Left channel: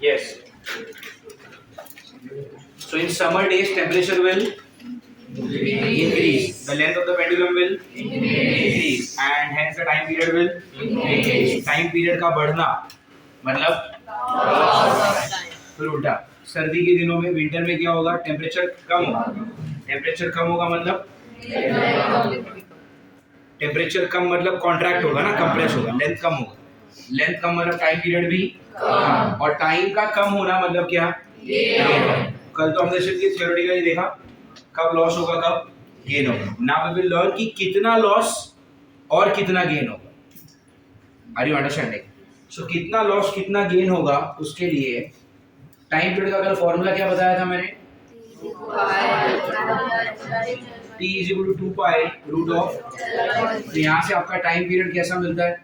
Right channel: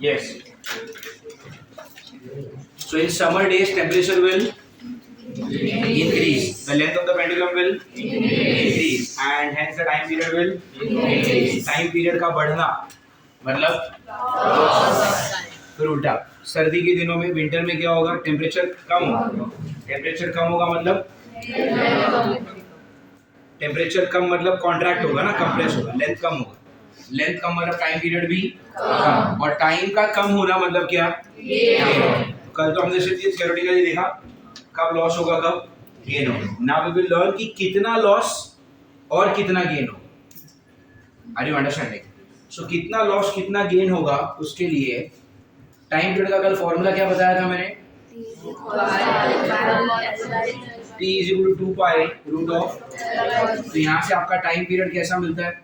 Yes. So in summer days, temperature will increase. The length of the pendulum will increase, and hence the time period will increase. Time period का बढ़ना मतलब फिर उल्टा, सर्दी के दिनों में, विंटर में क्या होगा? टेम्परेचर कम होगा. टेम्परेचर कम होगा मतलब टेम्परेचर कम मतलब कॉन्ट्रैक्ट होगा ना, कंप्रेस होगा, लेंथ कम होगा. लेंथ कम मतलब टाइम पीरियड भी कम, और टाइम का कम होना मतलब क्या? कल तो हमने सिर्फ ये थ्योरेटिकली देखा, कब लॉस होगा, कब गेन होगा. नाउ वी विल लर्न कि कितना लॉस और कितना गेन होगा. Are you understanding? सो कितना लॉस कितना गेन होगा, उसके लिए टाइम पीरियड का कल फॉर्मूला क्या बताया था मैंने? T is equal to 2 pi root of. तो यहाँ से आपका टाइम पीरियड कैसा मिलता है?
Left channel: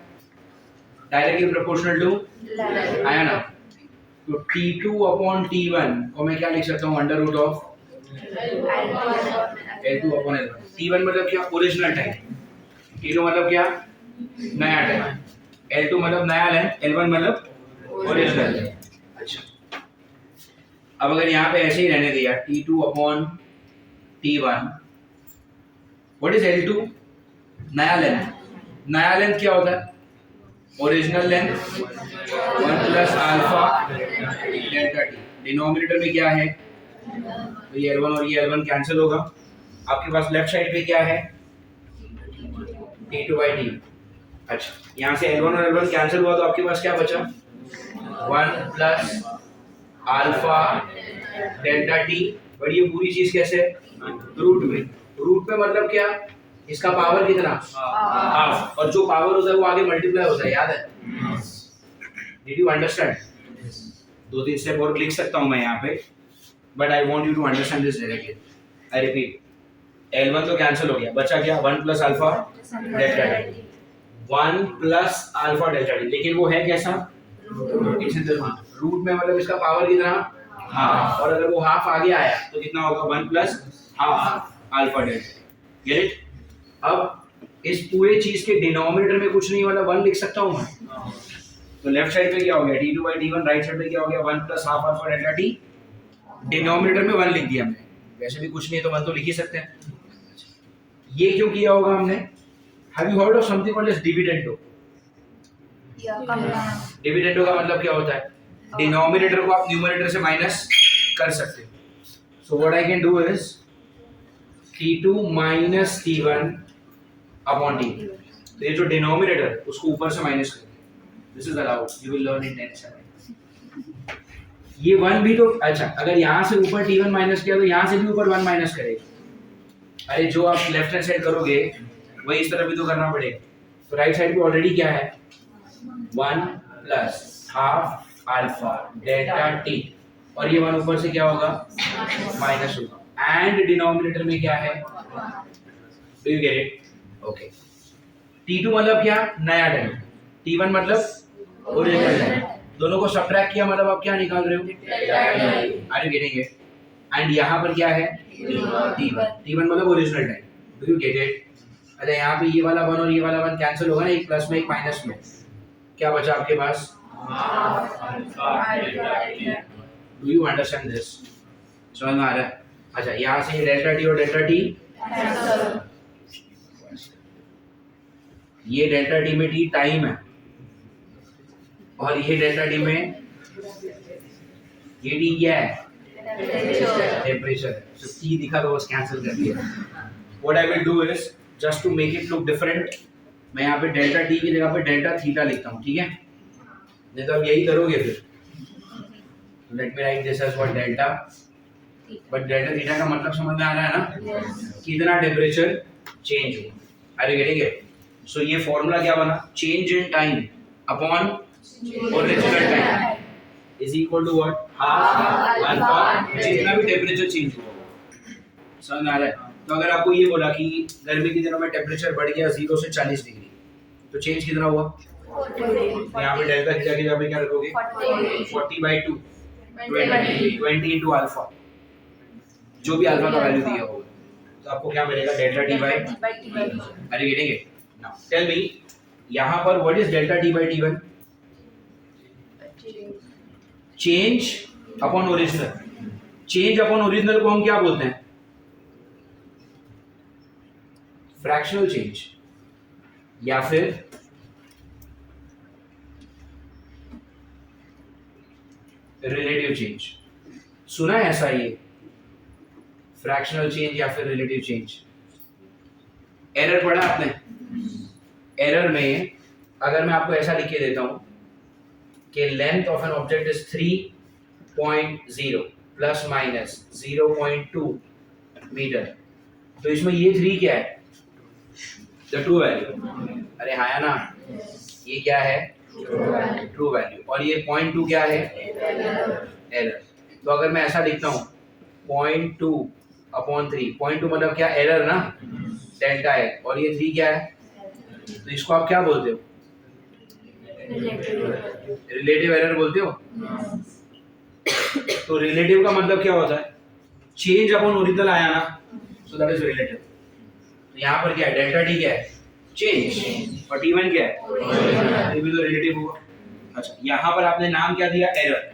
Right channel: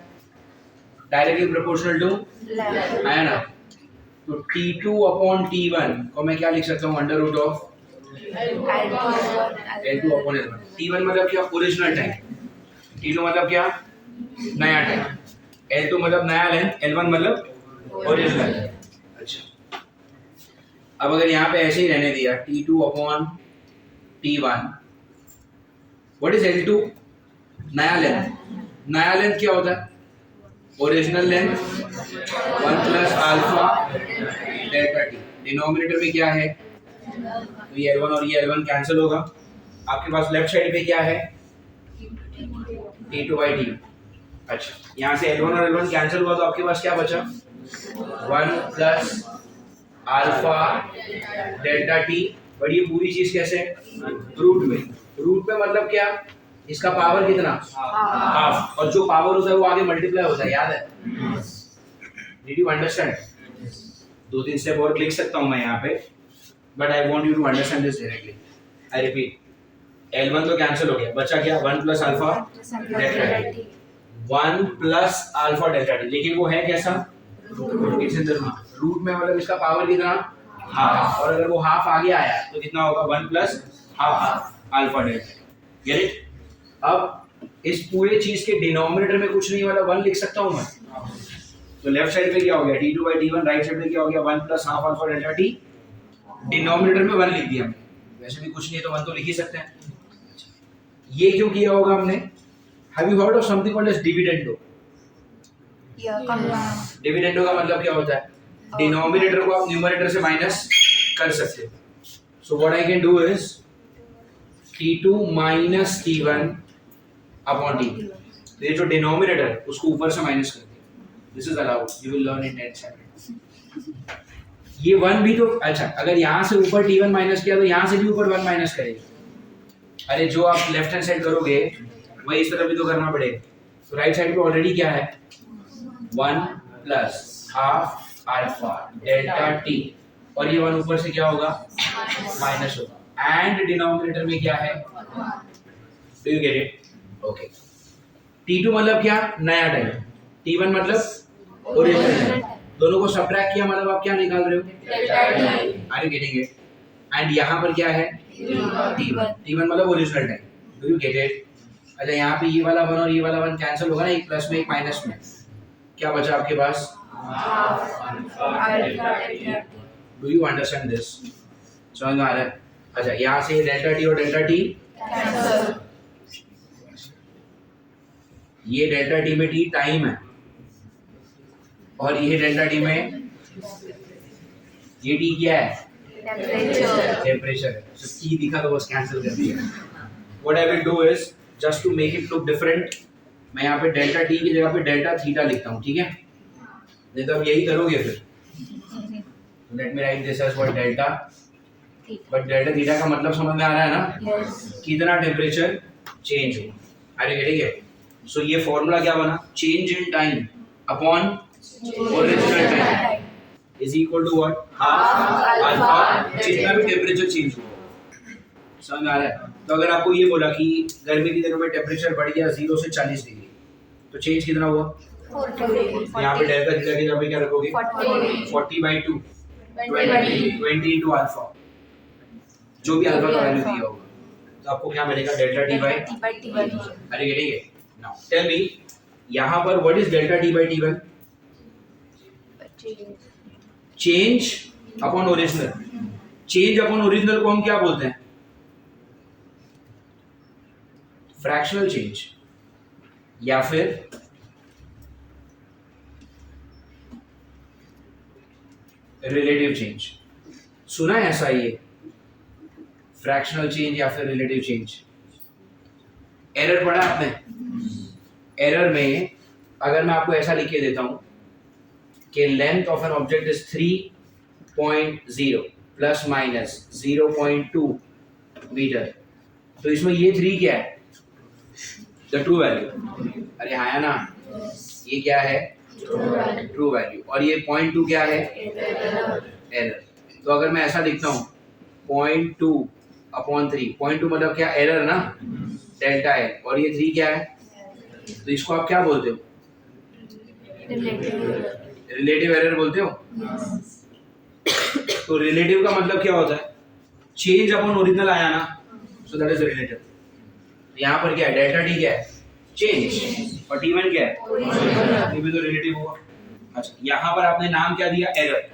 डायरेक्टली प्रोपोर्शनल टू, आया ना? तो T2 अपॉन T1 को मैं क्या लिख सकता हूँ? Under root of L2 upon L1. T1 मतलब क्या? Original time. T2 मतलब क्या? नया टाइम. L2 मतलब नया लेंथ, L1 मतलब ओरिजिनल. अच्छा, अब अगर यहाँ पे ऐसे ही रहने दिया T2 upon T1, what is L2? नया लेंथ. नया लेंथ क्या होता है? Original length 1 plus alpha delta T. Denominator में क्या है? तो ये L1 और ये L1 कैंसिल होगा. आपके पास लेफ्ट साइड पे क्या है? T2 by T. अच्छा, यहाँ से L1 और L1 कैंसिल हुआ, तो आपके पास क्या बचा? 1 plus alpha delta T. But ये पूरी चीज कैसे? रूट में. रूट में मतलब क्या? इसका पावर कितना? हाफ. और जो पावर होता है वो आगे मल्टीप्लाई होता है, याद है? Did you understand? दो तीन स्टेप और लिख सकता हूं मैं यहाँ पे, but I want you to understand this directly. I repeat, L1 तो कैंसिल हो गया, बचा क्या? 1 plus alpha delta T. 1 plus alpha delta T. लेकिन वो है कैसा? It's in the root. Root में मतलब इसका पावर कितना? हाफ. और अगर वो हाफ आगे आया तो कितना होगा? 1 plus half alpha delta. Get it? अब इस पूरे चीज के डिनोमिनेटर में कुछ नहीं मतलब 1 लिख सकता हूं मैं. तो लेफ्ट साइड पे क्या हो गया? T2 by T1. Right side पे क्या हो गया? 1 plus half alpha delta T. Denominator में 1 लिख दिया हमने. वैसे भी कुछ नहीं है तो 1 तो लिख ही सकते हैं. ये क्यों किया होगा हमने? Have you heard of something called as dividendo? Dividendo का मतलब क्या होता है? डिनोमिनेटर को आप न्यूमरेटर से माइनस कर सकते हो. So what I can do is T2 minus T1 upon T. तो ये जो डिनोमिनेटर उसको ऊपर से माइनस कर दे. This is allowed, you will learn in next chapter. ये 1 भी तो अच्छा, अगर यहाँ से ऊपर T1 माइनस किया तो यहाँ से भी ऊपर 1 माइनस करेगा. अरे जो आप लेफ्ट हैंड साइड करोगे वही इस तरफ भी तो करना पड़ेगा. तो राइट साइड पे ऑलरेडी क्या है? 1 plus half alpha delta T. और ये 1 ऊपर से क्या होगा? माइनस होगा. एंड डिनोमिनेटर में क्या है? Do you get it? Okay. T2 मतलब क्या? नया टाइम. T1 मतलब ओरिजिनल टाइम. दोनों को सबट्रैक्ट किया मतलब आप क्या निकाल रहे हो? Are you getting it? And यहाँ पर क्या है? T1 मतलब original time. Do you get it? अच्छा, यहाँ पे ये वाला 1 और ये वाला 1 कैंसिल होगा ना, एक प्लस में एक माइनस में. क्या बचा आपके पास? Do you understand this? समझ में आ रहा है? अच्छा, यहाँ से डेल्टा टी और डेल्टा टी, ये डेल्टा टी में टी टाइम है और ये डेल्टा टी में ये टी क्या है? टेम्परेचर. तो टी दिखा तो बस कैंसिल कर दिया. What I will do is just to make it look different, मैं यहाँ पे डेल्टा टी की जगह पे डेल्टा थीटा लिखता हूँ. ठीक है? नहीं तो अब यही करोगे फिर. Let me write this as what delta. But delta theta का मतलब समझ में आ रहा है ना? कितना टेम्परेचर चेंज हो. Are you getting it? So ये फॉर्मूला क्या बना? Change in time upon original time is equal to what? Half alpha जितना भी टेम्परेचर चेंज हुआ. समझ में आ रहा है? तो अगर आपको ये बोला कि गर्मी के दिनों में टेम्परेचर बढ़ गया 0 से 40 डिग्री, तो चेंज कितना हुआ? 40. यहाँ पे डेल्टा थीटा की जगह पे क्या रखोगे? 40 बाई 2 20 इंटू अल्फा, जो भी अल्फा का वैल्यू दिया होगा. तो आपको क्या मिलेगा? Delta T by. Are you getting it? Now tell me, यहाँ पर what is delta T by T1? Change upon original, change upon original को हम क्या बोलते हैं? फ्रैक्शनल चेंज या फिर रिलेटिव चेंज। सुना है ऐसा ये, फ्रैक्शनल चेंज या फिर रिलेटिव चेंज? एरर पढ़ा आपने? एरर में अगर मैं आपको ऐसा लिख के देता हूं कि length of an object is 3.0 plus minus 0.2 metre, तो इसमें ये 3 क्या है? The true value. अरे हाँ या ना, ये क्या है? True value. और ये 0.2 क्या है? एरर। तो अगर मैं ऐसा लिखता हूँ 0.2 अपॉन 3, 0.2 मतलब क्या? एरर ना, डेल्टा है। और ये 3 क्या है? तो इसको आप क्या बोलते हो? रिलेटिव एरर बोलते हो। तो रिलेटिव का मतलब क्या होता है? चेंज अपॉन ओरिजिनल आया ना, सो दैट इज रिलेटिव। तो यहाँ पर क्या है? डेल्टा टी क्या है? चेंज। और टी1 क्या है? ये भी तो रिलेटिव हुआ। अच्छा, यहाँ पर आपने नाम क्या दिया? एरर।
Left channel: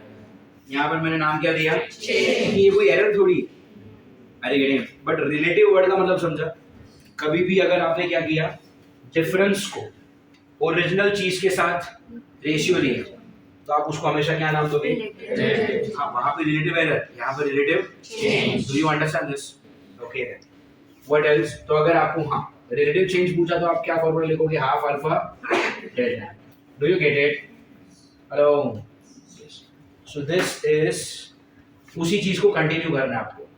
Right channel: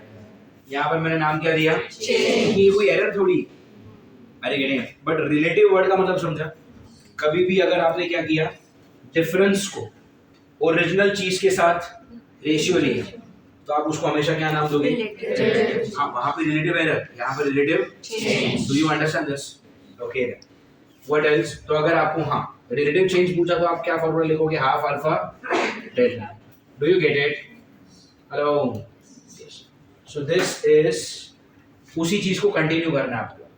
यहाँ पर मैंने नाम क्या दिया? चेंज। ये कोई एरर थोड़ी है, अरे ये नहीं। बट रिलेटिव वर्ड का मतलब समझा? कभी भी अगर आपने क्या किया, डिफरेंस को ओरिजिनल चीज के साथ रेशियो लिया, तो आप उसको हमेशा क्या नाम दोगे? हाँ, वहां पे रिलेटिव एरर, यहाँ पर relative change. Do you understand this? Okay. What else? तो अगर आपको हाँ रिलेटिव चेंज पूछा तो आप क्या फॉर्मूला लिखोगे? Half alpha delta. Do you get it? Hello. So this is, उसी चीज को कंटिन्यू करना है आपको।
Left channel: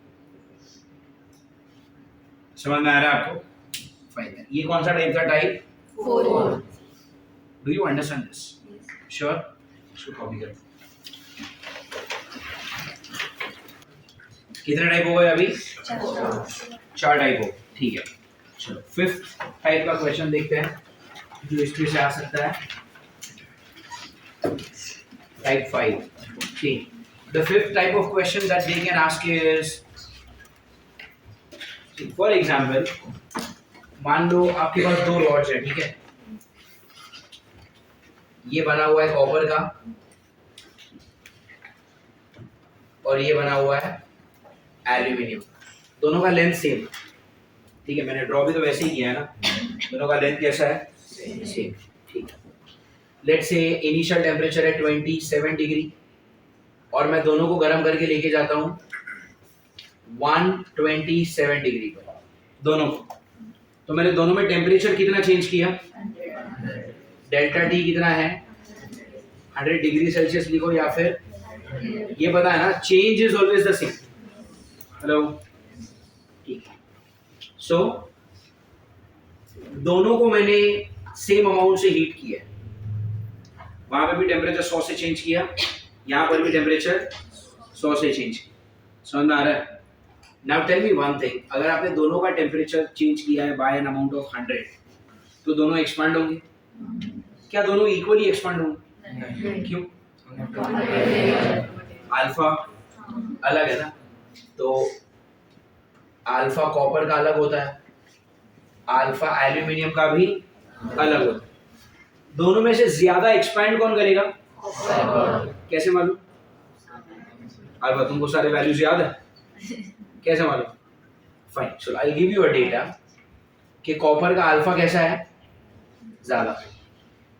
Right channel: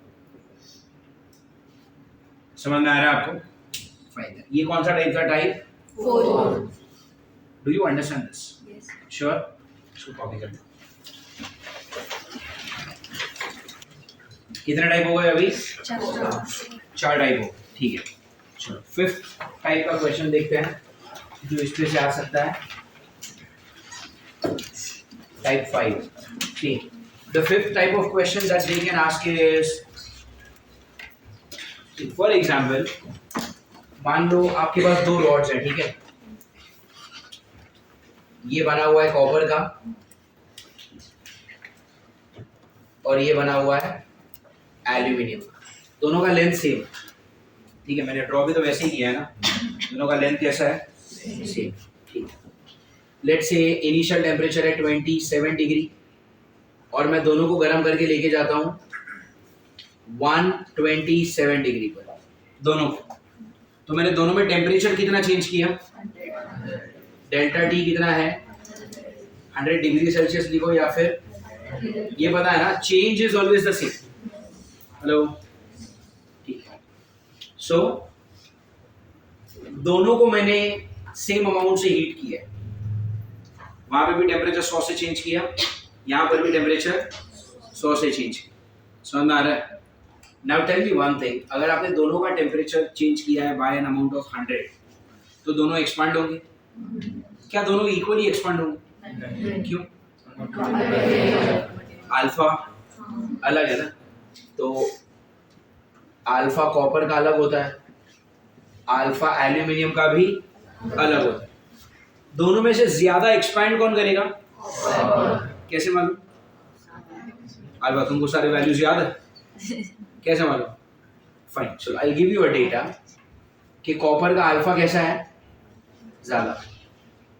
समझ में आ रहा है आपको? फाइन। ये कौन सा टाइप था? Type 4। Do you understand this? Sure? इसको कॉपी कर दो। कितने टाइप हो गए अभी? 4 टाइप हो। ठीक है, चलो फिफ्थ टाइप का क्वेश्चन देखते हैं जो इसमें से आ सकता है। टाइप 5। ठीक, the fifth type of question that they can ask is, for example, मान लो आपके पास 2 रॉड्स हैं, ठीक है? ये बना हुआ है कॉपर का और ये बना हुआ है एल्यूमिनियम का। दोनों का लेंथ सेम, ठीक है? मैंने ड्रॉ भी तो वैसे ही किया है ना। दोनों का लेंथ कैसा है? सेम। ठीक है, लेट्स से इनिशियल टेम्परेचर है 27 डिग्री और मैं दोनों को गर्म करके लेके जाता हूँ 127 डिग्री पर, दोनों को। तो मैंने दोनों में टेम्परेचर कितना चेंज किया? डेल्टा टी कितना है? 100 डिग्री सेल्सियस लिखो, या फिर ये पता है ना, change is always the same. Hello, ठीक है। सो दोनों को मैंने सेम अमाउंट से हीट किया है। वहां पे भी टेम्परेचर 100 से चेंज किया, यहाँ पर भी टेम्परेचर 100 से चेंज किया। समझ में आ रहा है? Now tell me one thing, अगर आपने दोनों का टेम्परेचर चेंज किया है बाय एन अमाउंट ऑफ 100, तो दोनों एक्सपांड होंगे? क्या दोनों इक्वली एक्सपांड होंगे? क्यों? अल्फा अलग है ना, तो अल्फा कॉपर का अलग होता है, अल्फा एल्यूमिनियम का भी अलग होता है। दोनों में से ज्यादा एक्सपैंड कौन करेगा? कैसे मालूम? अल्फा, तुमको सारे वैल्यूज याद है? कैसे मालूम? Fine, so I will give you a data कि कॉपर का अल्फा कैसा है? ज्यादा।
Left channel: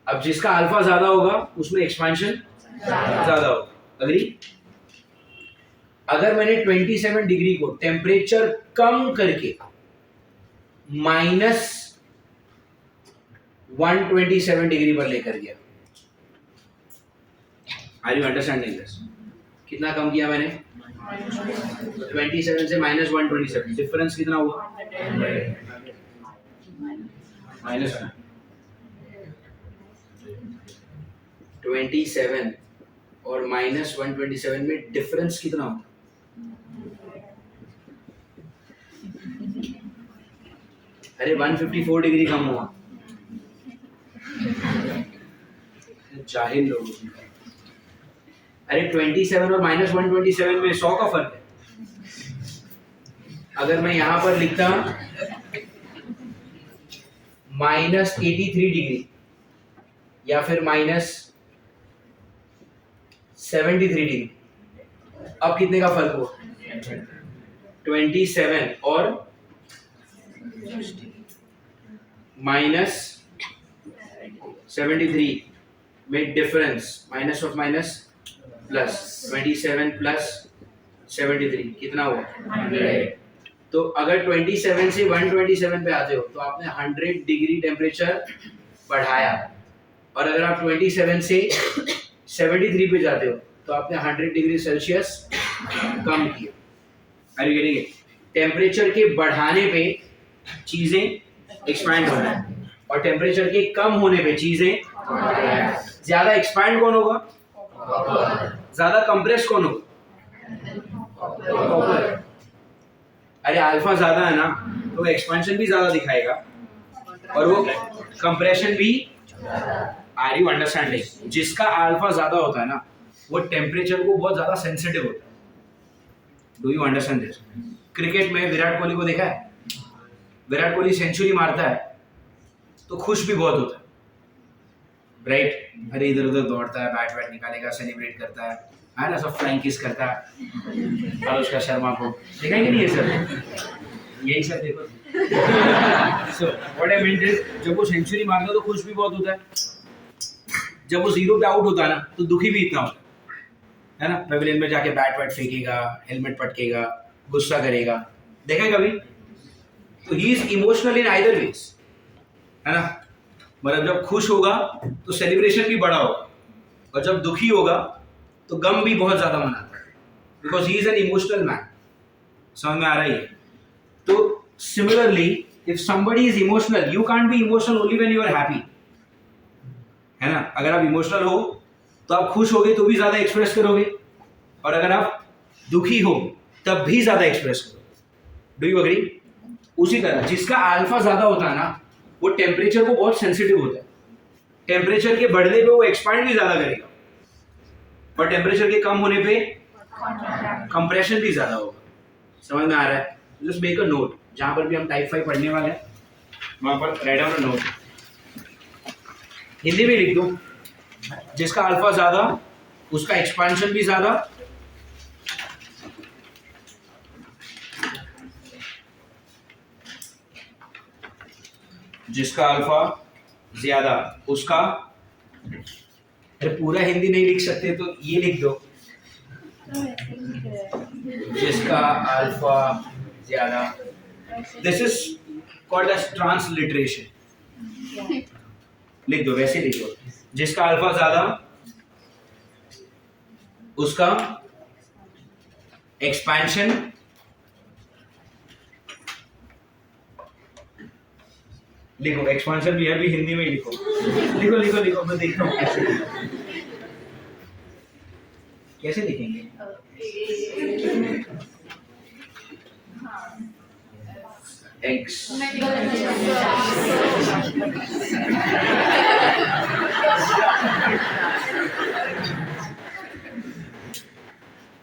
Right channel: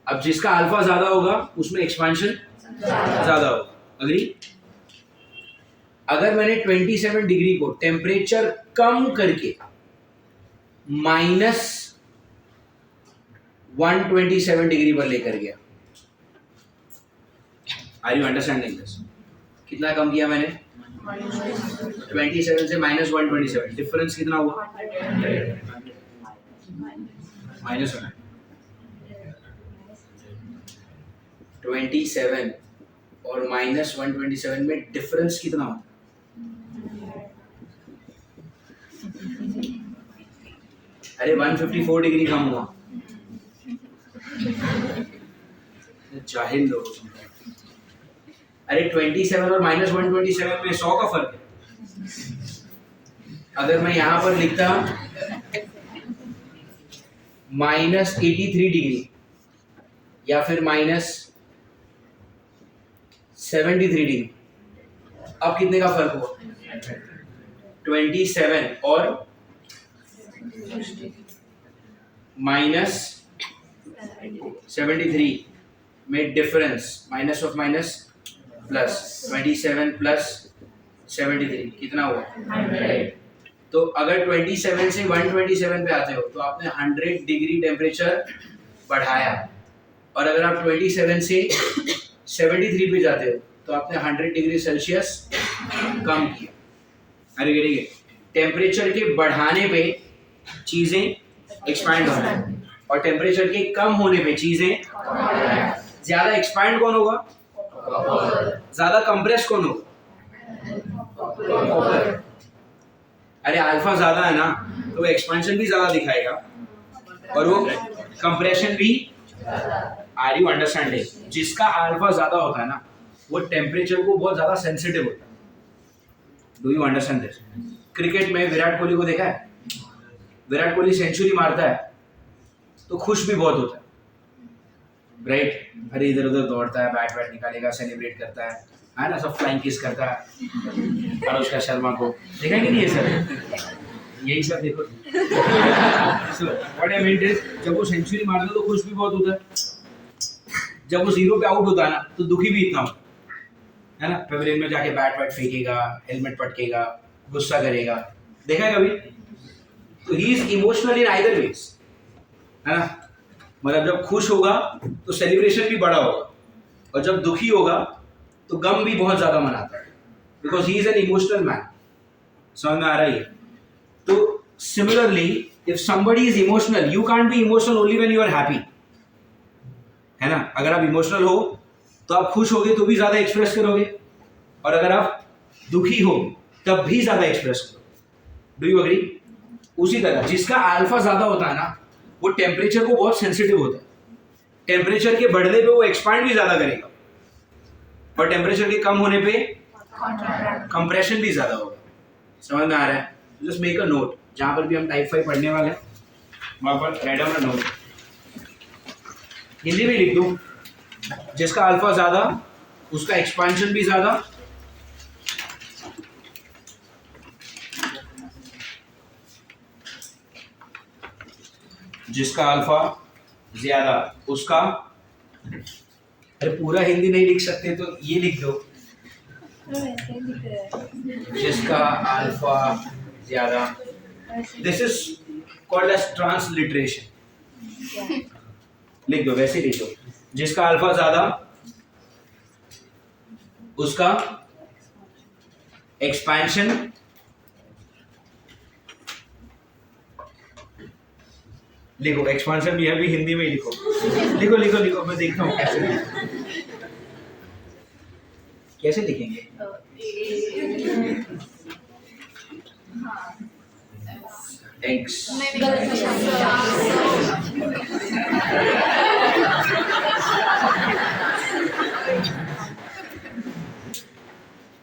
अब जिसका अल्फा ज्यादा होगा उसमें एक्सपेंशन ज्यादा होगा। अग्री? अगर मैंने 27 डिग्री को टेम्परेचर कम करके -127 डिग्री पर लेकर गया, आर यू अंडरस्टैंडिंग दिस? कितना कम किया मैंने? 27 से -127, डिफरेंस कितना हुआ? -1। 27 और -127 में डिफरेंस कितना होता? अरे 154 डिग्री कम हुआ। जाहिल लोग। अरे 27 और -127 में 100 का फर्क है। अगर मैं यहां पर लिखता -83 डिग्री या फिर -70 73 डिग्री। अब कितने का फर्क हुआ? 27 और माइनस 73 में difference, minus of minus plus, 27 plus 73 कितना हुआ? 100। तो अगर 27 से 127 पे आते हो तो आपने 100 डिग्री टेम्परेचर बढ़ाया, और अगर आप 27 से 73 पे जाते हो तो आपने 100 डिग्री सेल्सियस कम किया। अरे गेटिंग? टेम्परेचर के बढ़ाने पे चीजें एक्सपैंड हो रही है, और टेम्परेचर के कम होने पे चीजें, ज्यादा एक्सपैंड कौन होगा? ज्यादा कंप्रेस कौन होगा? अरे अल्फा ज्यादा है ना, तो वो एक्सपेंशन भी ज्यादा दिखाएगा और वो कंप्रेशन भी। Are you understanding? जिसका अल्फा ज्यादा होता है ना, वो टेम्परेचर को बहुत ज्यादा सेंसिटिव होता है। Do you understand this? Cricket में विराट कोहली को देखा है? विराट कोहली सेंचुरी मारता है तो खुश भी बहुत होता है, राइट? अरे इधर उधर दौड़ता है, बैट निकालेगा, सेलिब्रेट करता है ना, सब फ्लाइंग किस करता है अनुष्का शर्मा को। देखा कि नहीं ये सब? यही सब देखो। So what I mean is, जब वो सेंचुरी मारता है तो खुश भी बहुत होता है, जब वो जीरो पे आउट होता है ना तो दुखी भी इतना होता है ना। पेविलियन में जाके बैट फेंकेगा, हेलमेट पटकेगा, गुस्सा करेगा, देखा है कभी? तो he is emotional in either ways, है ना। मतलब जब खुश होगा तो सेलिब्रेशन भी बड़ा होगा, और जब दुखी होगा तो गम भी बहुत ज्यादा मनाता है, because he is an emotional man. समझ में आ रही है? तो similarly if somebody is emotional, you can't be emotional only when you are happy, है ना। अगर आप इमोशनल हो तो आप खुश होगे तो भी ज्यादा एक्सप्रेस करोगे, और अगर आप दुखी हो तब भी ज्यादा एक्सप्रेस करोगे। Do you agree? उसी तरह जिसका अल्फा ज्यादा होता है ना, वो टेम्परेचर को बहुत सेंसिटिव होता है। टेम्परेचर के बढ़ने पे वो एक्सपांड भी ज्यादा करेगा, और टेम्परेचर के कम होने पे कंप्रेशन भी ज्यादा होगा। समझ में आ रहा है? जस्ट मेक अ नोट, जहां पर भी हम टाइप 5 पढ़ने वाले हैं वहां पर write down a note. Hindi में लिख दो, जिसका अल्फा ज्यादा उसका एक्सपांशन भी ज्यादा, जिसका अल्फा ज्यादा उसका, अरे पूरा हिंदी नहीं लिख सकते तो ये लिख दो, जिसका अल्फा ज्यादा। This is called as transliteration. लिख दो, वैसे लिख दो, जिसका अल्फा ज्यादा उसका एक्सपेंशन लिखो। एक्सपेंशन भी है, भी हिंदी में ही लिखो। लिखो लिखो लिखो, मैं देखता हूँ कैसे लिखेंगे। एक्स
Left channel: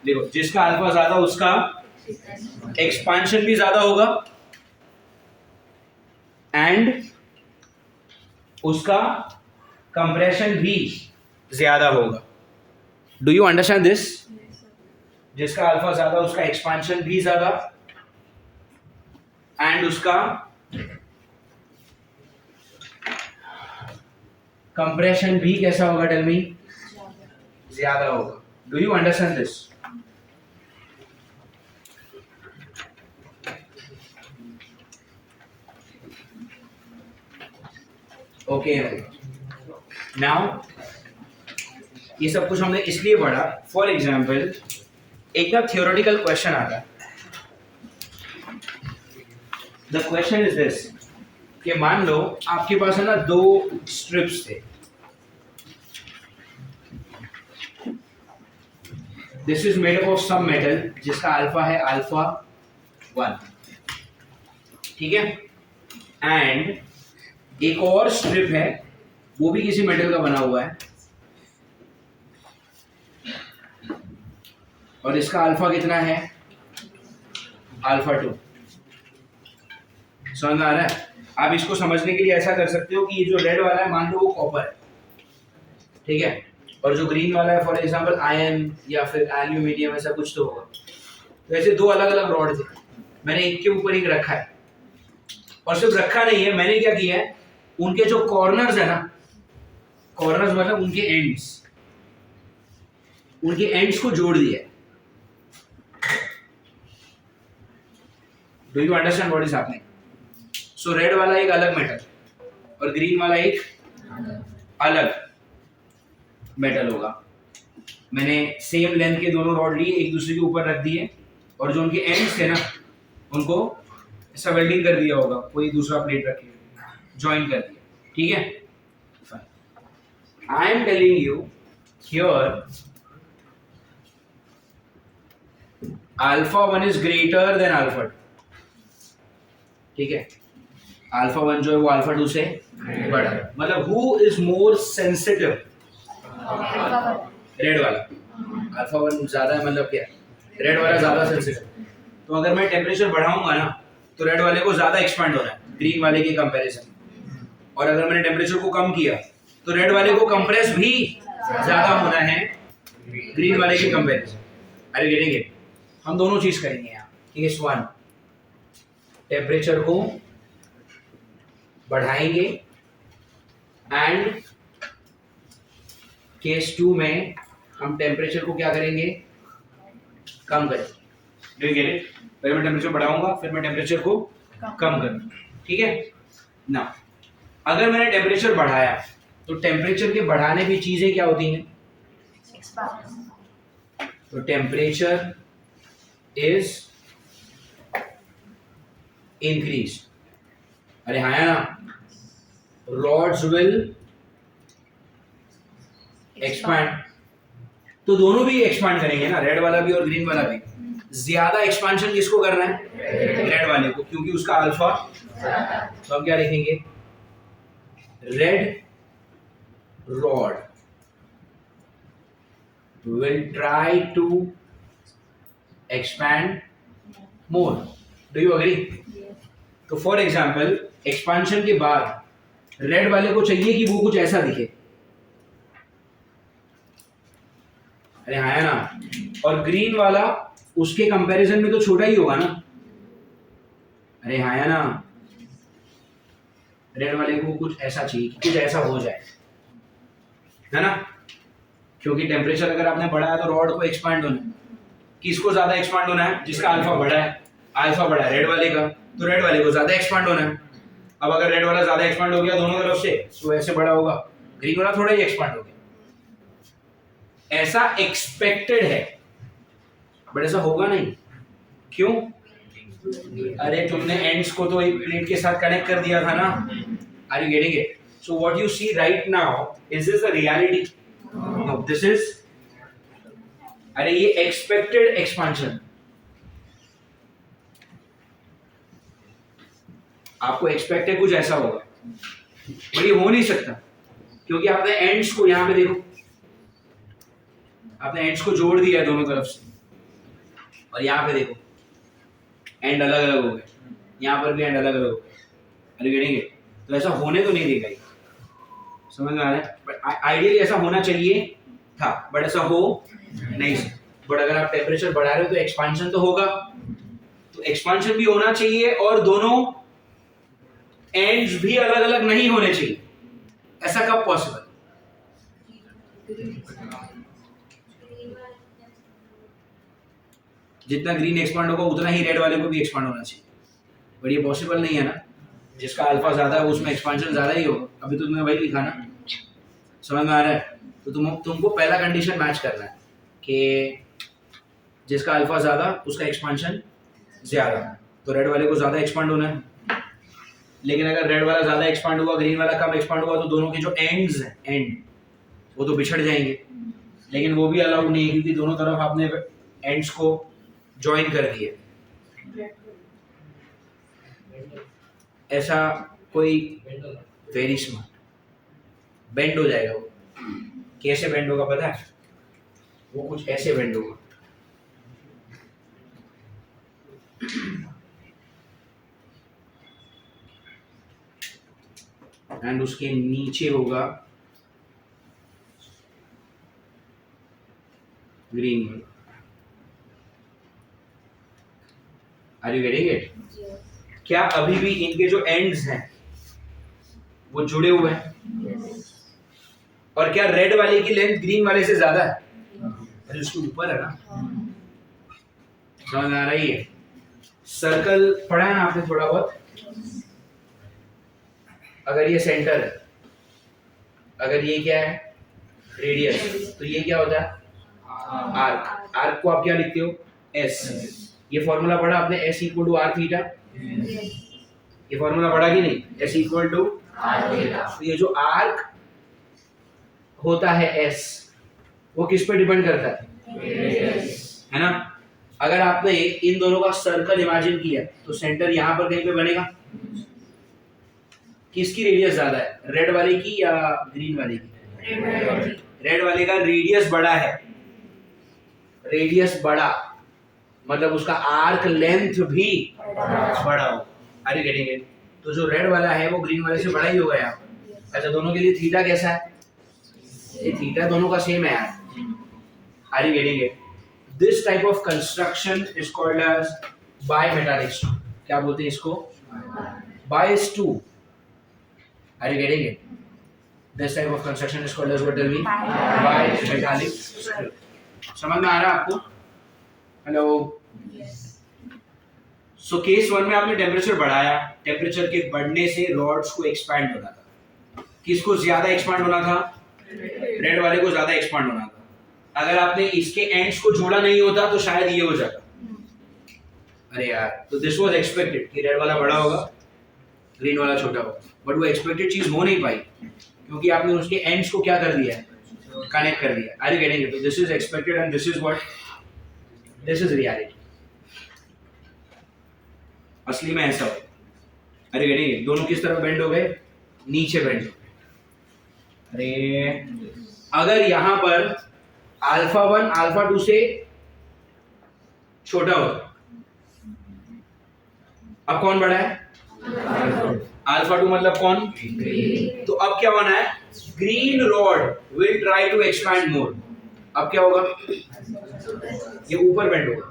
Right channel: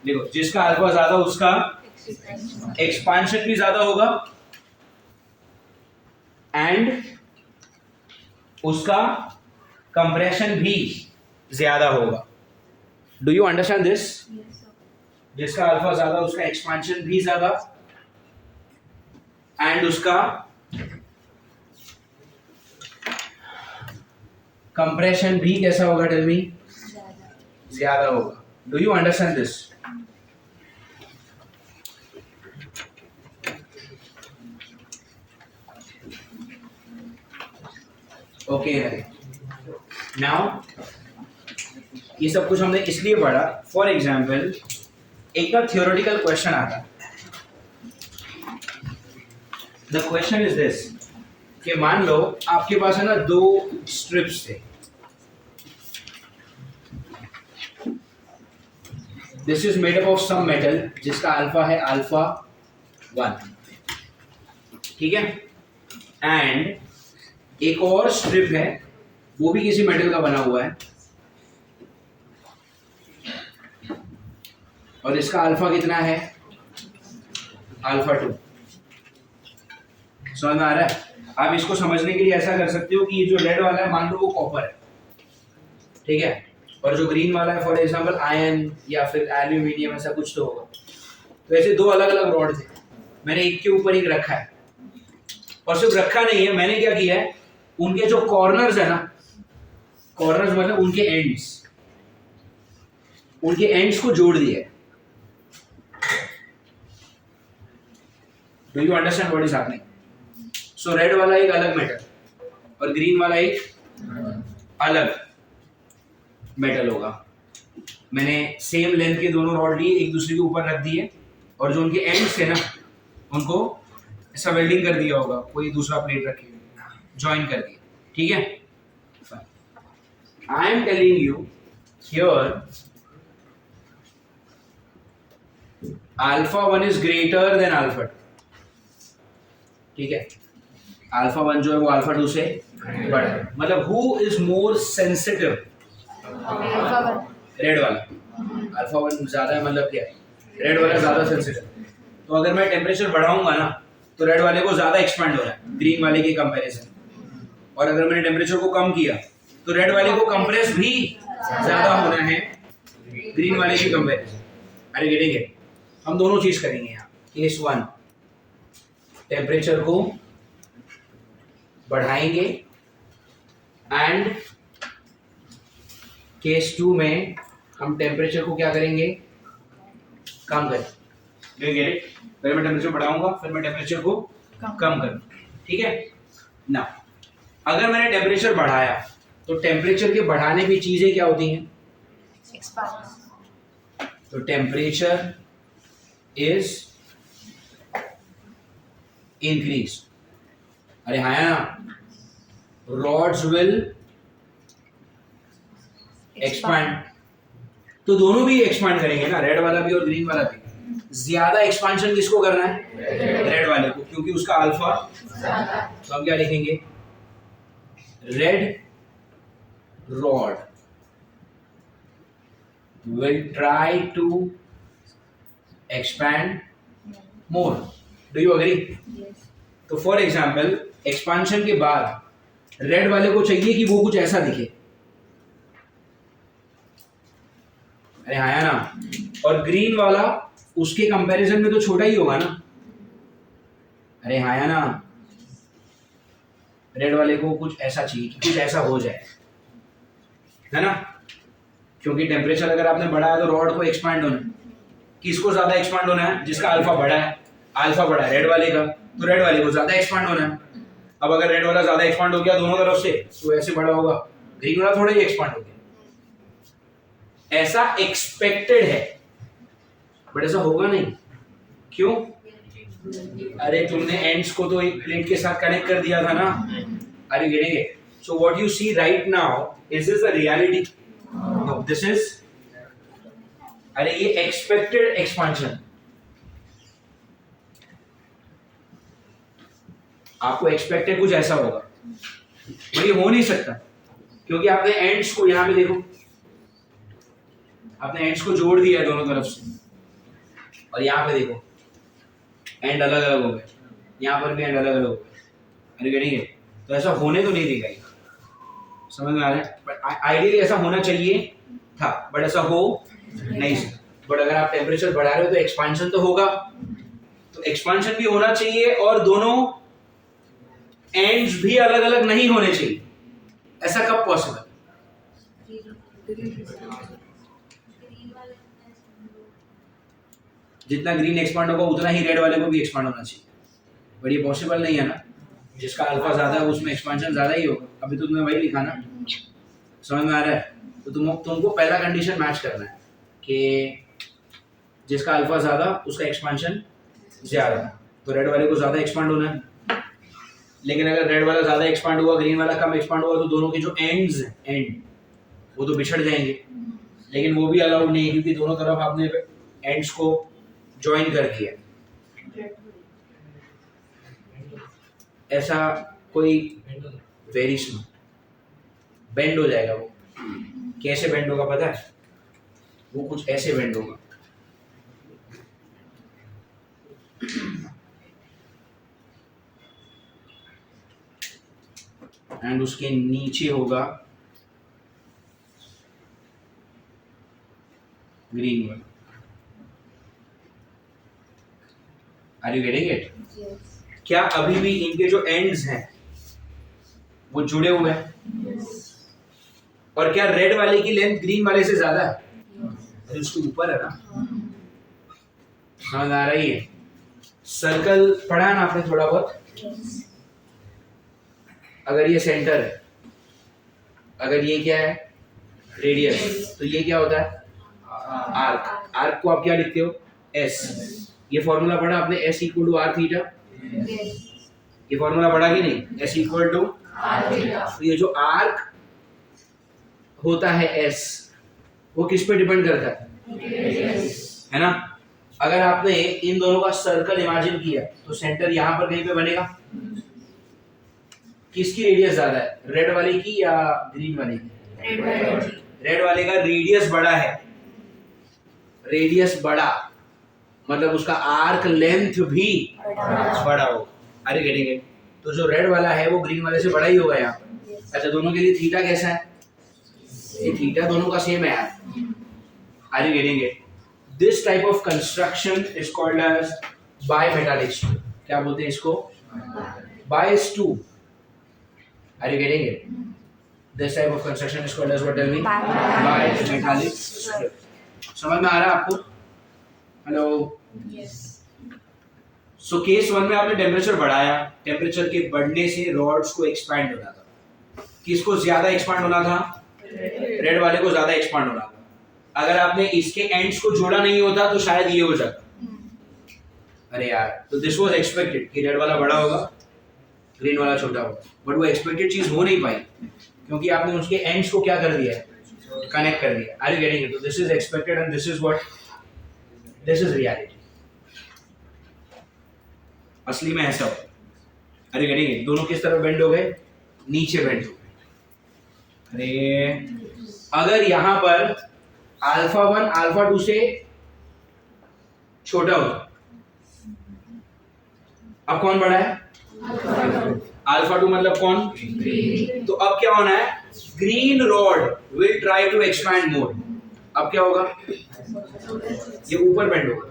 देखो, जिसका अल्फा ज्यादा उसका एक्सपेंशन भी ज्यादा होगा, एंड उसका कंप्रेशन भी ज्यादा होगा। Do you understand this? जिसका अल्फा ज्यादा उसका एक्सपेंशन भी ज्यादा, एंड उसका कंप्रेशन भी कैसा होगा? Tell me. ज्यादा होगा। Do you understand this? Okay, now ये सब कुछ हमने इसलिए पढ़ा, फॉर एग्जाम्पल एक ना थियोरेटिकल क्वेश्चन आता है। द क्वेश्चन इज दिस, कि मान लो आपके पास है ना 2 स्ट्रिप्स थे। This is made up of some metal जिसका अल्फा है अल्फा 1, ठीक है, एंड एक और स्ट्रिप है, वो भी किसी मेटल का बना हुआ है, और इसका अल्फा कितना है? अल्फा 2। समझ आ रहा है? आप इसको समझने के लिए ऐसा कर सकते हो कि ये जो रेड वाला है, मान लो वो कॉपर है, ठीक है, और जो ग्रीन वाला है फॉर एग्जांपल आयरन या फिर एल्यूमिनियम, ऐसा कुछ तो होगा। तो ऐसे दो अलग अलग रॉड थे, मैंने एक के ऊपर एक रखा है, और सिर्फ रखा नहीं है, मैंने क्या किया है, उनके जो कॉर्नर्स है ना, कॉर्नर्स मतलब उनके एंड्स को जोड़ दिया है। Do you understand what is happening? So red वाला एक अलग मेटल और ग्रीन वाला एक अलग मेटल होगा। मैंने सेम लेंथ के दोनों रॉड लिए, एक दूसरे के ऊपर रख दिए, और जो उनके एंड्स थे ना उनको ऐसा वेल्डिंग कर दिया होगा, कोई दूसरा प्लेट रखे ज्वाइन कर दिया, ठीक है। I am telling you here alpha 1 is greater than alpha 2, ठीक है। अल्फा 1 जो है वो अल्फा 2 से बड़ा है, मतलब who is more sensitive? Red वाला। अल्फा 1 ज्यादा है, मतलब क्या, रेड वाला ज्यादा सेंसिटिव। तो अगर मैं टेम्परेचर बढ़ाऊंगा ना तो रेड वाले को ज्यादा एक्सपांड हो रहा है ग्रीन वाले के कंपैरिजन, और अगर मैंने टेम्परेचर को कम किया तो रेड वाले को कंप्रेस भी ज्यादा होना है ग्रीन वाले के कंपैरिजन। अरे गेटेंगे, हम दोनों चीज करेंगे यहाँ। केस 1 टेम्परेचर को बढ़ाएंगे, एंड केस 2 में हम टेम्परेचर को क्या करेंगे, कम करेंगे। Do you get it? पहले मैं टेम्परेचर बढ़ाऊंगा, फिर मैं टेम्परेचर को कम करूंगा, ठीक है ना। अगर मैंने टेम्परेचर बढ़ाया तो टेम्परेचर के बढ़ाने की चीजें क्या होती हैं? तो टेम्परेचर इज इंक्रीज। अरे हाँ ना, रॉड्स विल एक्सपैंड, तो दोनों भी एक्सपैंड करेंगे ना, रेड वाला भी और ग्रीन वाला भी। ज्यादा एक्सपांशन किसको करना है? रेड वाले को, क्योंकि उसका अल्फा। तो हम क्या लिखेंगे? Red rod will try to expand more. Do you agree? Yes. तो फॉर एग्जाम्पल एक्सपांशन के बाद रेड वाले को चाहिए कि वो कुछ ऐसा दिखे, अरे हाँ ना, और ग्रीन वाला उसके कंपैरिजन में तो छोटा ही होगा ना, अरे हाँ ना, रेड वाले को कुछ ऐसा चाहिए कि कुछ ऐसा हो जाए, है ना, क्योंकि टेम्परेचर अगर आपने बढ़ाया तो रॉड को एक्सपांड होना है। किसको ज्यादा एक्सपांड होना है? जिसका अल्फा बड़ा है, अल्फा बड़ा है रेड वाले का, तो रेड वाले को ज्यादा एक्सपांड होना है। अब अगर रेड वाला ज्यादा एक्सपांड हो गया दोनों तरफ से तो ऐसे बड़ा होगा, ग्रीन वाला थोड़ा ही एक्सपांड हो गया। ऐसा एक्सपेक्टेड है, बट ऐसा होगा नहीं। क्यों? अरे तुमने एंड्स को तो एक प्लेट के साथ कनेक्ट कर दिया था ना। Are you getting it? So what you see right now, is this the reality? No, this is, अरे ये एक्सपेक्टेड एक्सपांशन। आपको एक्सपेक्ट है कुछ ऐसा होगा, पर ये हो नहीं सकता, क्योंकि आपने एंड्स को, यहां पे देखो, आपने एंड्स को जोड़ दिया है दोनों तरफ से, और यहां पे देखो एंड अलग अलग हो गए, यहां पर भी एंड अलग अलग हो गए। अरे गेटिंग इट? तो ऐसा होने तो नहीं देगा ये, समझ में आ रहा है? बट आइडियली ऐसा होना चाहिए था, बट ऐसा हो नहीं सकता। बट अगर आप टेम्परेचर बढ़ा रहे हो तो एक्सपांशन तो होगा, तो एक्सपांशन भी होना चाहिए, और दोनों एंड्स भी अलग अलग नहीं होने चाहिए। ऐसा कब पॉसिबल? जितना ग्रीन एक्सपांड होगा उतना ही रेड वाले को भी एक्सपांड होना चाहिए, बट ये पॉसिबल नहीं है ना। जिसका अल्फा ज्यादा है उसमें एक्सपांशन ज्यादा ही होगा। अभी तो तुमने वही लिखा ना, समझ में आ रहा है? तो तुमको पहला कंडीशन मैच करना है कि जिसका अल्फा ज्यादा उसका एक्सपांशन ज्यादा, तो रेड वाले को ज्यादा एक्सपांड होना है। लेकिन अगर रेड वाला ज्यादा एक्सपांड हुआ, ग्रीन वाला कम एक्सपांड हुआ, तो दोनों के जो एंड्स हैं, एंड वो तो बिछड़ जाएंगे। लेकिन वो भी अलाउड नहीं है, क्योंकि दोनों तरफ आपने एंड्स को ज्वाइन कर दिया। ऐसा कोई वेरी स्मॉल बेंड हो जाएगा। वो कैसे बेंड होगा पता है? वो कुछ ऐसे बेंड होगा, एंड उसके नीचे होगा ग्रीन वाला। Are you getting it? क्या अभी भी इनके जो एंड्स हैं वो जुड़े हुए हैं? और क्या रेड वाले की लेंथ ग्रीन वाले से ज्यादा है? अरे उसके ऊपर है ना। समझ आ रही है? सर्कल पढ़ा है ना आपने थोड़ा बहुत? अगर ये सेंटर है, अगर ये क्या है रेडियस, तो ये क्या होता है आर्क। आर्क को आप क्या लिखते हो? एस। ये फॉर्मूला पढ़ा आपने, S equal to R theta. ये फॉर्मूला पढ़ा कि नहीं? S equal to R theta. तो ये जो आर्क होता है एस, वो किस पे डिपेंड करता है ना? अगर आपने इन दोनों का सर्कल इमेजिन किया तो सेंटर यहां पर कहीं पे बनेगा। किसकी रेडियस ज्यादा है, रेड वाले की या ग्रीन वाले की? रेड वाले का रेडियस बड़ा है। रेडियस बड़ा मतलब उसका आर्क लेंथ भी बड़ा हो। Are you getting it? तो जो रेड वाला है वो ग्रीन वाले से बड़ा ही होगा यहाँ पर। अच्छा, दोनों के लिए थीटा कैसा है? ये थीटा दोनों का सेम है यार। Are you getting it? This type of construction is called as bimetallic strip. क्या बोलते हैं इसको? Bias two. Are you getting it? This type of construction is called as what? Tell me. Bimetallic strip. समझ में आ रहा है आपको? हेलो। सो केस 1 में आपने टेम्परेचर बढ़ाया, टेम्परेचर के बढ़ने से रॉड्स को एक्सपैंड होना था। किसको ज्यादा एक्सपैंड होना था? रेड वाले को ज्यादा एक्सपैंड होना था। अगर आपने इसके एंड्स को जोड़ा नहीं होता तो शायद ये हो जाता। अरे यार, तो दिस वाज एक्सपेक्टेड कि रेड वाला बड़ा होगा, ग्रीन वाला छोटा होगा, बट वो एक्सपेक्टेड चीज हो नहीं पाई क्योंकि आपने उसके एंड्स को क्या कर दिया है? कनेक्ट कर दिया। Are you getting it? तो this is expected and this is what? This is reality. असली में ऐसा हो। अरे गेटिंग इट? दोनों किस तरफ बेंड हो गए? नीचे बेंड हो गए। अरे अगर यहां पर अल्फा 1 अल्फा 2 से छोटा होता, अब कौन बड़ा है? अल्फा 2 मतलब कौन? तो अब क्या होना है? Green rod will try to expand more. अब क्या होगा? ये ऊपर बेंड होगा।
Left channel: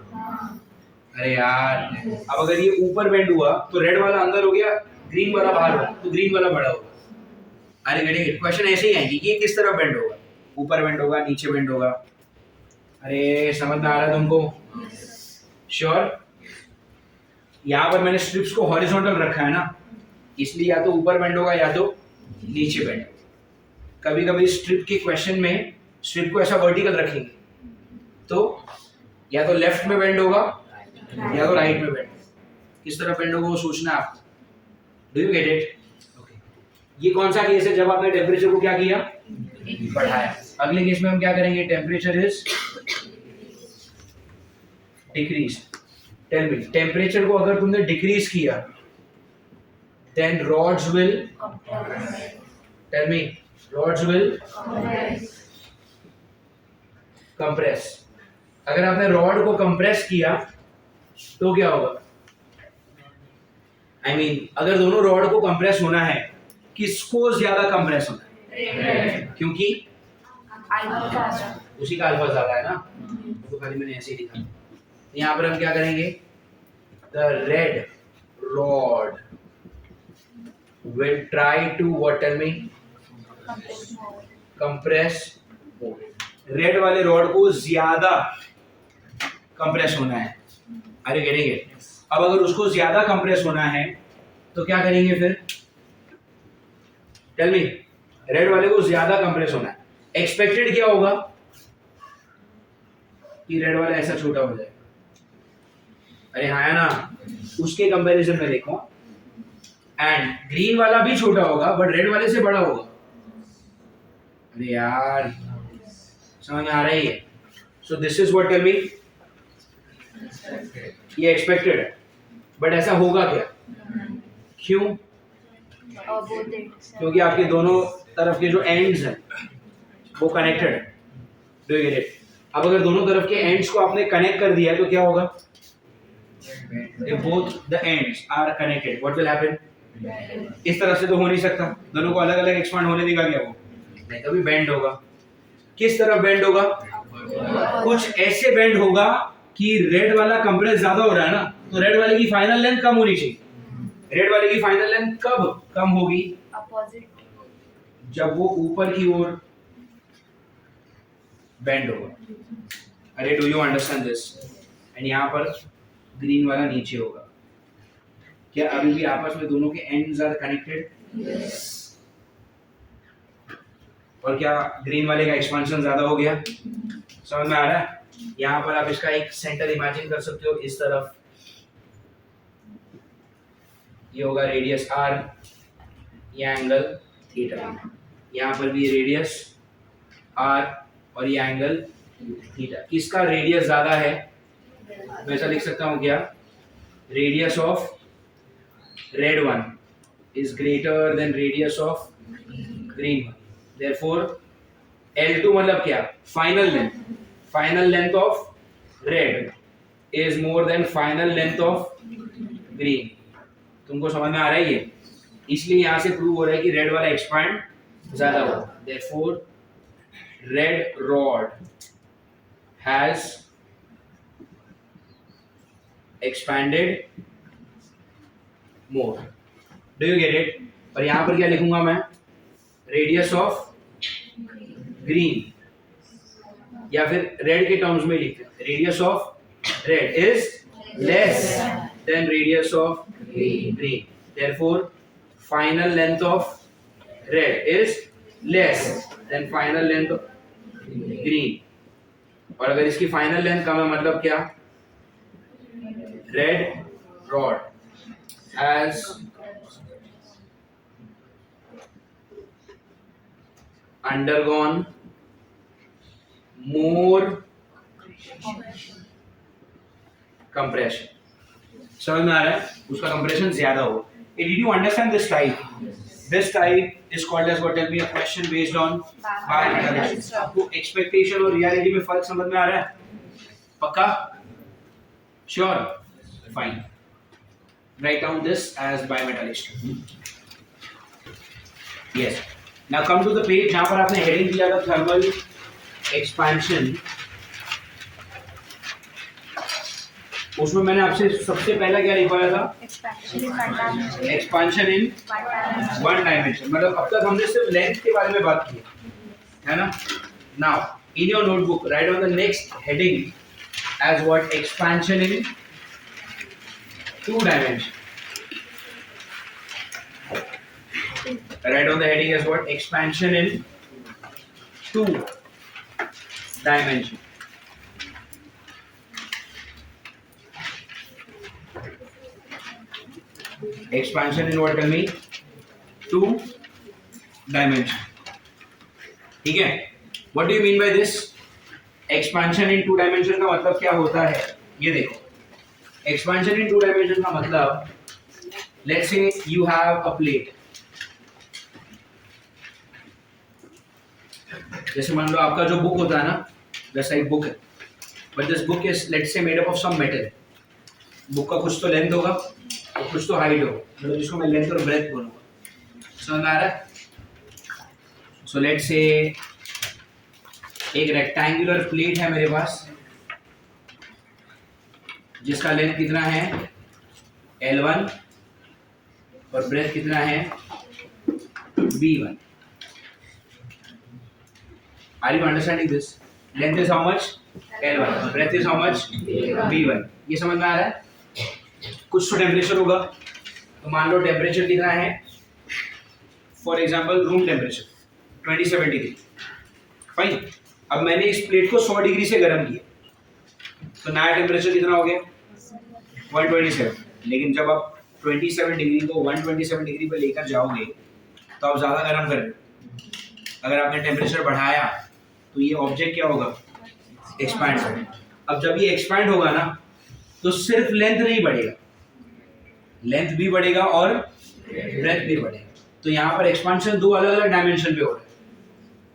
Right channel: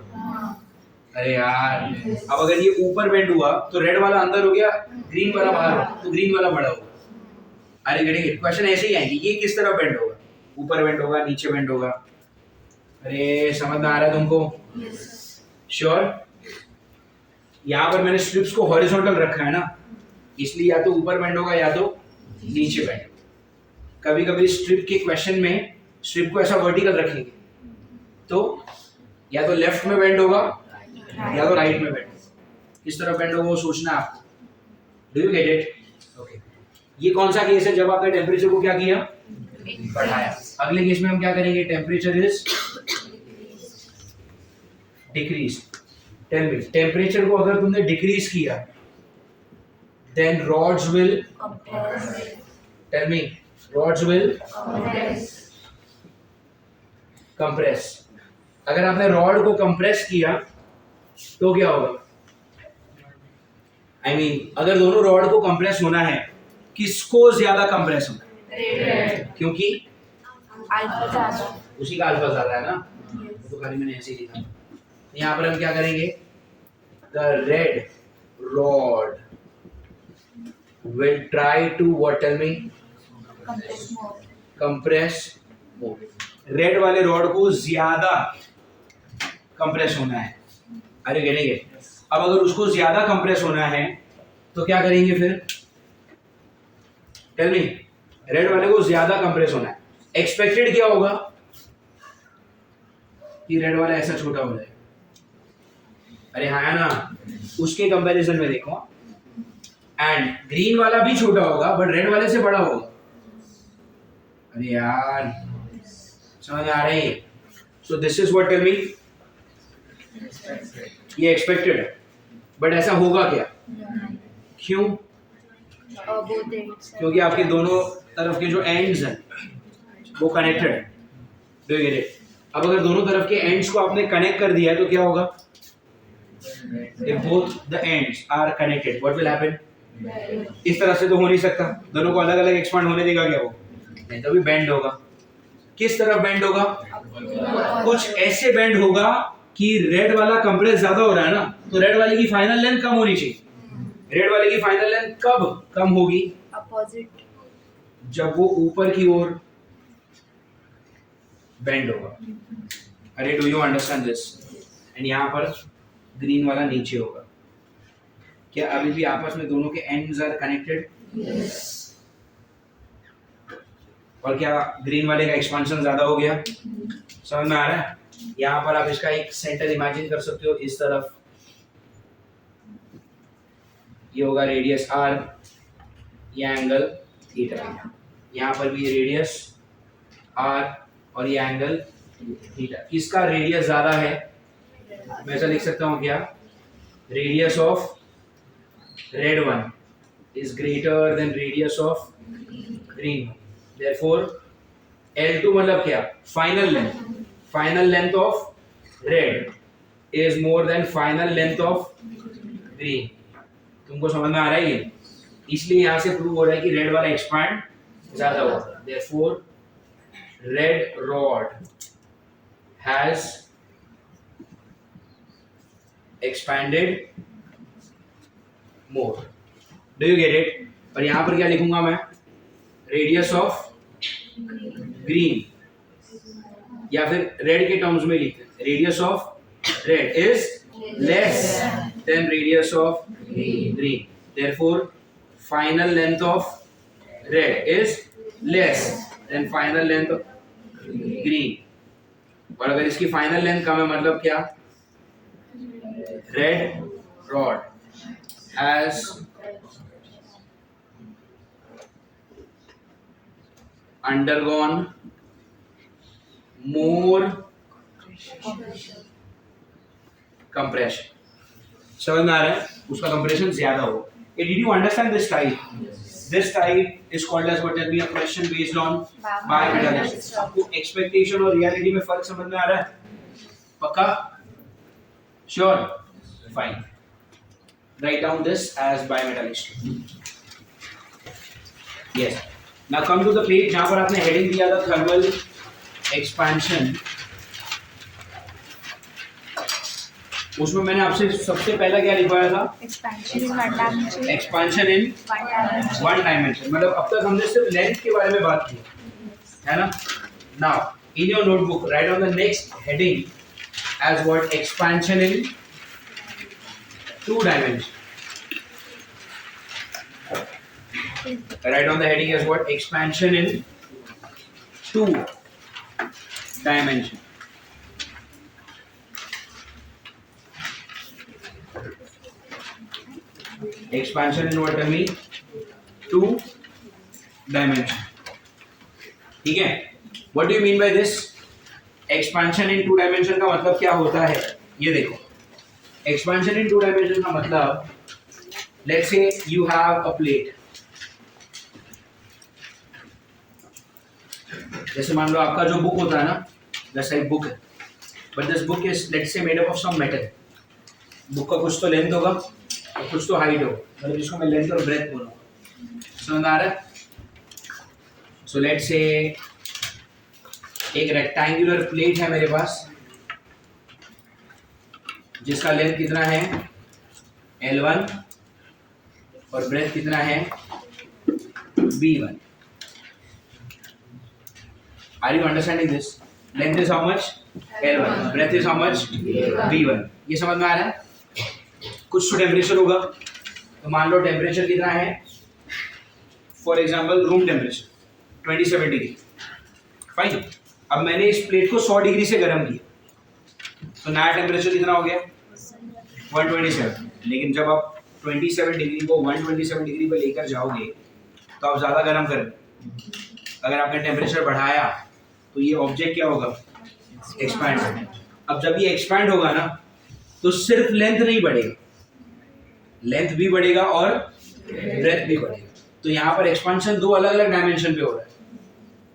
अरे यार, अब अगर ये ऊपर बेंड हुआ तो रेड वाला अंदर हो गया, ग्रीन वाला बाहर हो, तो ग्रीन वाला बड़ा होगा। अरे गेटिंग इट? क्वेश्चन ऐसे ही आएगी, ये किस तरफ बेंड होगा? ऊपर बेंड होगा, नीचे बेंड होगा। अरे समझ में आ रहा है तुमको? श्योर? यहाँ पर मैंने स्ट्रिप्स को हॉरिजॉन्टल रखा है ना, इसलिए या तो ऊपर बेंड होगा या तो नीचे बेंड होगा। कभी कभी स्ट्रिप के क्वेश्चन में स्ट्रिप को ऐसा वर्टिकल रखेंगे तो या तो लेफ्ट में बेंड होगा या तो राइट में बेंड। किस तरफ बेंड होगा वो सोचना आपको। Do you get it? Okay. ये कौन सा केस है जब आपने टेम्परेचर को क्या किया? बढ़ाया। अगले केस में हम क्या करेंगे? Temperature is decrease. Tell me, temperature को अगर तुमने डिक्रीज किया then rods will tell me rods will compress. अगर आपने रॉड को कंप्रेस किया तो क्या होगा? I mean, अगर दोनों रॉड को कंप्रेस होना है, किसको ज्यादा कंप्रेस होना है? क्योंकि उसी का अल्फा ज्यादा है ना, तो खाली मैंने ऐसे ही लिखा। यहाँ पर हम क्या करेंगे? The red rod will try to what? Tell me. Compress more. Red वाले रॉड को ज्यादा कंप्रेस होना है। अरे गेटिंग इट? अब अगर उसको ज्यादा कंप्रेस होना है तो क्या करेंगे फिर? Tell me. रेड वाले को ज्यादा कंप्रेस होना है, एक्सपेक्टेड क्या होगा? कि रेड वाला ऐसा छोटा हो जाए। अरे हाँ ना, उसके कंपैरिजन में देखो, एंड ग्रीन वाला भी छोटा होगा बट रेड वाले से बड़ा होगा। अरे यार, समझ में आ रही है? So this is what? Tell me. ये एक्सपेक्टेड है बट ऐसा होगा क्या? क्यों? क्योंकि आपके दोनों तरफ के जो एंड्स हैं वो कनेक्टेड है। Do you get it? अब अगर दोनों तरफ के एंड्स को आपने कनेक्ट कर दिया है तो क्या होगा? If both the ends are connected, what will happen? इस तरफ से तो हो नहीं सकता, दोनों को अलग अलग एक्सपांड होने देगा क्या वो? नहीं, तभी बेंड होगा। किस तरफ बेंड होगा? कुछ ऐसे बेंड होगा कि रेड वाला कंप्रेस ज्यादा हो रहा है ना, तो रेड वाले की फाइनल लेंथ कम होनी चाहिए। रेड वाले की फाइनल लेंथ कब कम होगी? अपोजिट, जब वो ऊपर की ओर बेंड होगा। अरे do you understand this? And यहाँ पर ग्रीन वाला नीचे होगा। क्या अभी भी आपस में दोनों के एंड्स आर कनेक्टेड? और क्या ग्रीन वाले का एक्सपेंशन ज्यादा हो गया? समझ में आ रहा है? यहाँ पर आप इसका एक सेंटर इमेजिन कर सकते हो, इस तरफ ये होगा रेडियस r, ये एंगल थीटा। यहाँ पर भी रेडियस r और ये एंगल थीटा। किसका रेडियस ज्यादा है? मैं ऐसा लिख सकता हूँ क्या? Radius of red one is greater than radius of green one. Therefore L2 मतलब क्या? Final length. Final length of red is more than final length of green. तुमको समझ में आ रहा है ये? इसलिए यहां से प्रूव हो रहा है कि रेड वाला एक्सपांड ज्यादा होगा। Therefore red rod has expanded more. Do you get it? और यहां पर क्या लिखूंगा मैं? रेडियस ऑफ ग्रीन, या फिर रेड के टर्म्स में लिखते हैं, radius of red is less than radius of green. Therefore final length of red is less than final length of green. और अगर इसकी फाइनल लेंथ कम है मतलब क्या? Red rod has undergone more compression. समझ में आ रहा है? उसका compression ज्यादा हो। Did you understand this type? This type is called as what? Tell me a question based on bimetallic structure. आपको expectation और reality में फर्क समझ में आ रहा है? पक्का? Sure? Fine. Write down this as bimetallic structure. Yes. Now come to the page जहाँ पर आपने हेडिंग दिया था थर्मल एक्सपेंशन। उसमें मैंने आपसे सबसे पहला क्या लिखवाया था? Expansion in one dimension. मतलब अब तक हमने सिर्फ लेंथ के बारे में बात की है ना? Now in your notebook write on the next heading as what? Expansion in two dimension. Write on the heading as what? Expansion in two dimension. Expansion in what? Tell me. Two dimension. ठीक है? What do you mean by this? Expansion in two dimension का मतलब क्या होता है? ये देखो. Expansion in two dimension का मतलब, let's say you have a plate. जैसे मान लो आपका जो बुक होता है ना, जैसा एक बुक है, but this book is let's say made up of some metal. Book का कुछ तो लेंथ होगा और कुछ तो हाइट होगा, मतलब जिसको मैं लेंथ और ब्रेथ बोलूँगा। समझ में आ रहा है? सो लेट्स से एक रेक्टेंगुलर प्लेट है मेरे पास जिसका लेंथ कितना है? L1 और ब्रेथ कितना है? B1। Are you understanding this? Length is how much? L1. Breadth is how much? B1. ये समझ में आ रहा है? कुछ तो टेम्परेचर होगा, तो मान लो टेम्परेचर कितना है? For example room temperature 27 degree. Fine. अब मैंने इस प्लेट को 100 डिग्री से गर्म किया, तो नया टेम्परेचर कितना हो गया? 127। लेकिन जब आप 27 डिग्री को 127 डिग्री पर लेकर जाओगे तो आप ज़्यादा गर्म कर रहे हो। अगर आपने टेम्परेचर बढ़ाया तो ये ऑब्जेक्ट क्या होगा? एक्सपैंड होगा। अब जब ये एक्सपैंड होगा ना, तो सिर्फ लेंथ नहीं बढ़ेगा, लेंथ भी बढ़ेगा और ब्रेथ भी बढ़ेगा। तो यहाँ पर एक्सपेंशन दो अलग अलग डायमेंशन पे हो रहा है।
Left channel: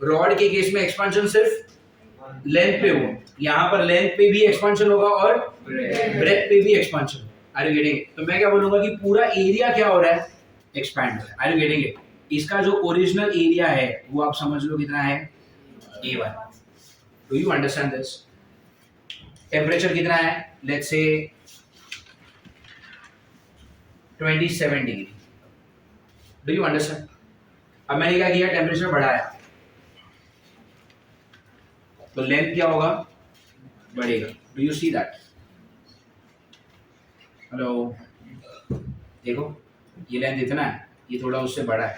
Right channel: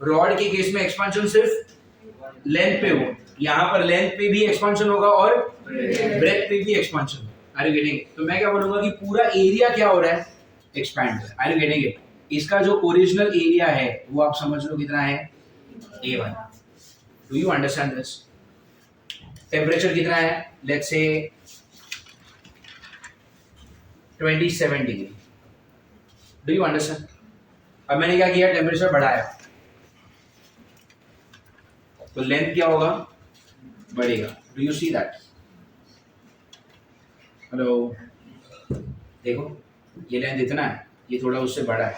रॉड के केस में एक्सपेंशन सिर्फ लेंथ पे हो, यहाँ पर लेंथ पे भी एक्सपेंशन होगा और ब्रेथ पे भी एक्सपेंशन। Are you getting? तो मैं क्या बोलूंगा कि पूरा एरिया क्या हो रहा है? एक्सपैंड हो रहा है। Are you getting it? इसका जो ओरिजिनल एरिया है वो आप समझ लो कितना है? A1। Do you understand this? Temperature कितना है? Let's say 27 degree. Do you understand? अब मैंने क्या किया, टेम्परेचर बढ़ाया तो लेंथ क्या होगा, बढ़ेगा। Do you see that? Hello, देखो ये लेंथ इतना है, ये थोड़ा उससे बड़ा है,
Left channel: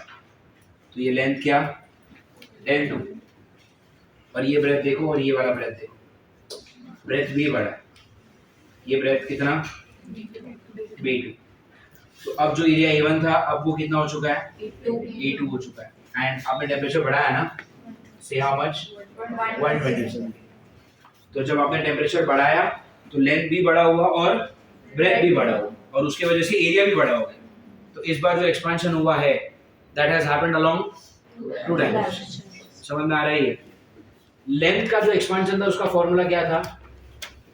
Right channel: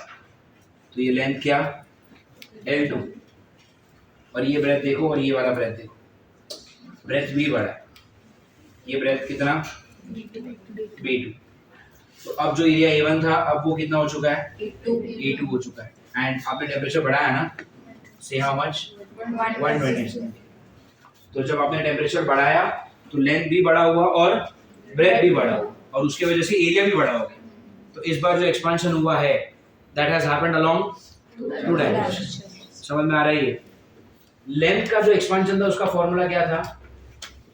तो ये लेंथ क्या, L2। और ये ब्रेथ देखो और ये वाला ब्रेथ देखो, ब्रेथ भी बड़ा है, ये ब्रेथ कितना, B2। तो अब जो एरिया A1 था अब वो कितना हो चुका है, A2 हो चुका है। एंड आपने टेम्परेचर बढ़ाया ना, से हाउ मच, 127। तो जब आपने टेम्परेचर बढ़ाया तो लेंथ भी बड़ा हुआ और ब्रेथ भी बड़ा हुआ, और उसके वजह से एरिया भी बड़ा हो गया। तो इस बार जो एक्सपेंशन हुआ है that has happened along two dimension. समझ में आ रही है? लेंथ का जो एक्सपेंशन था उसका फॉर्मूला क्या था,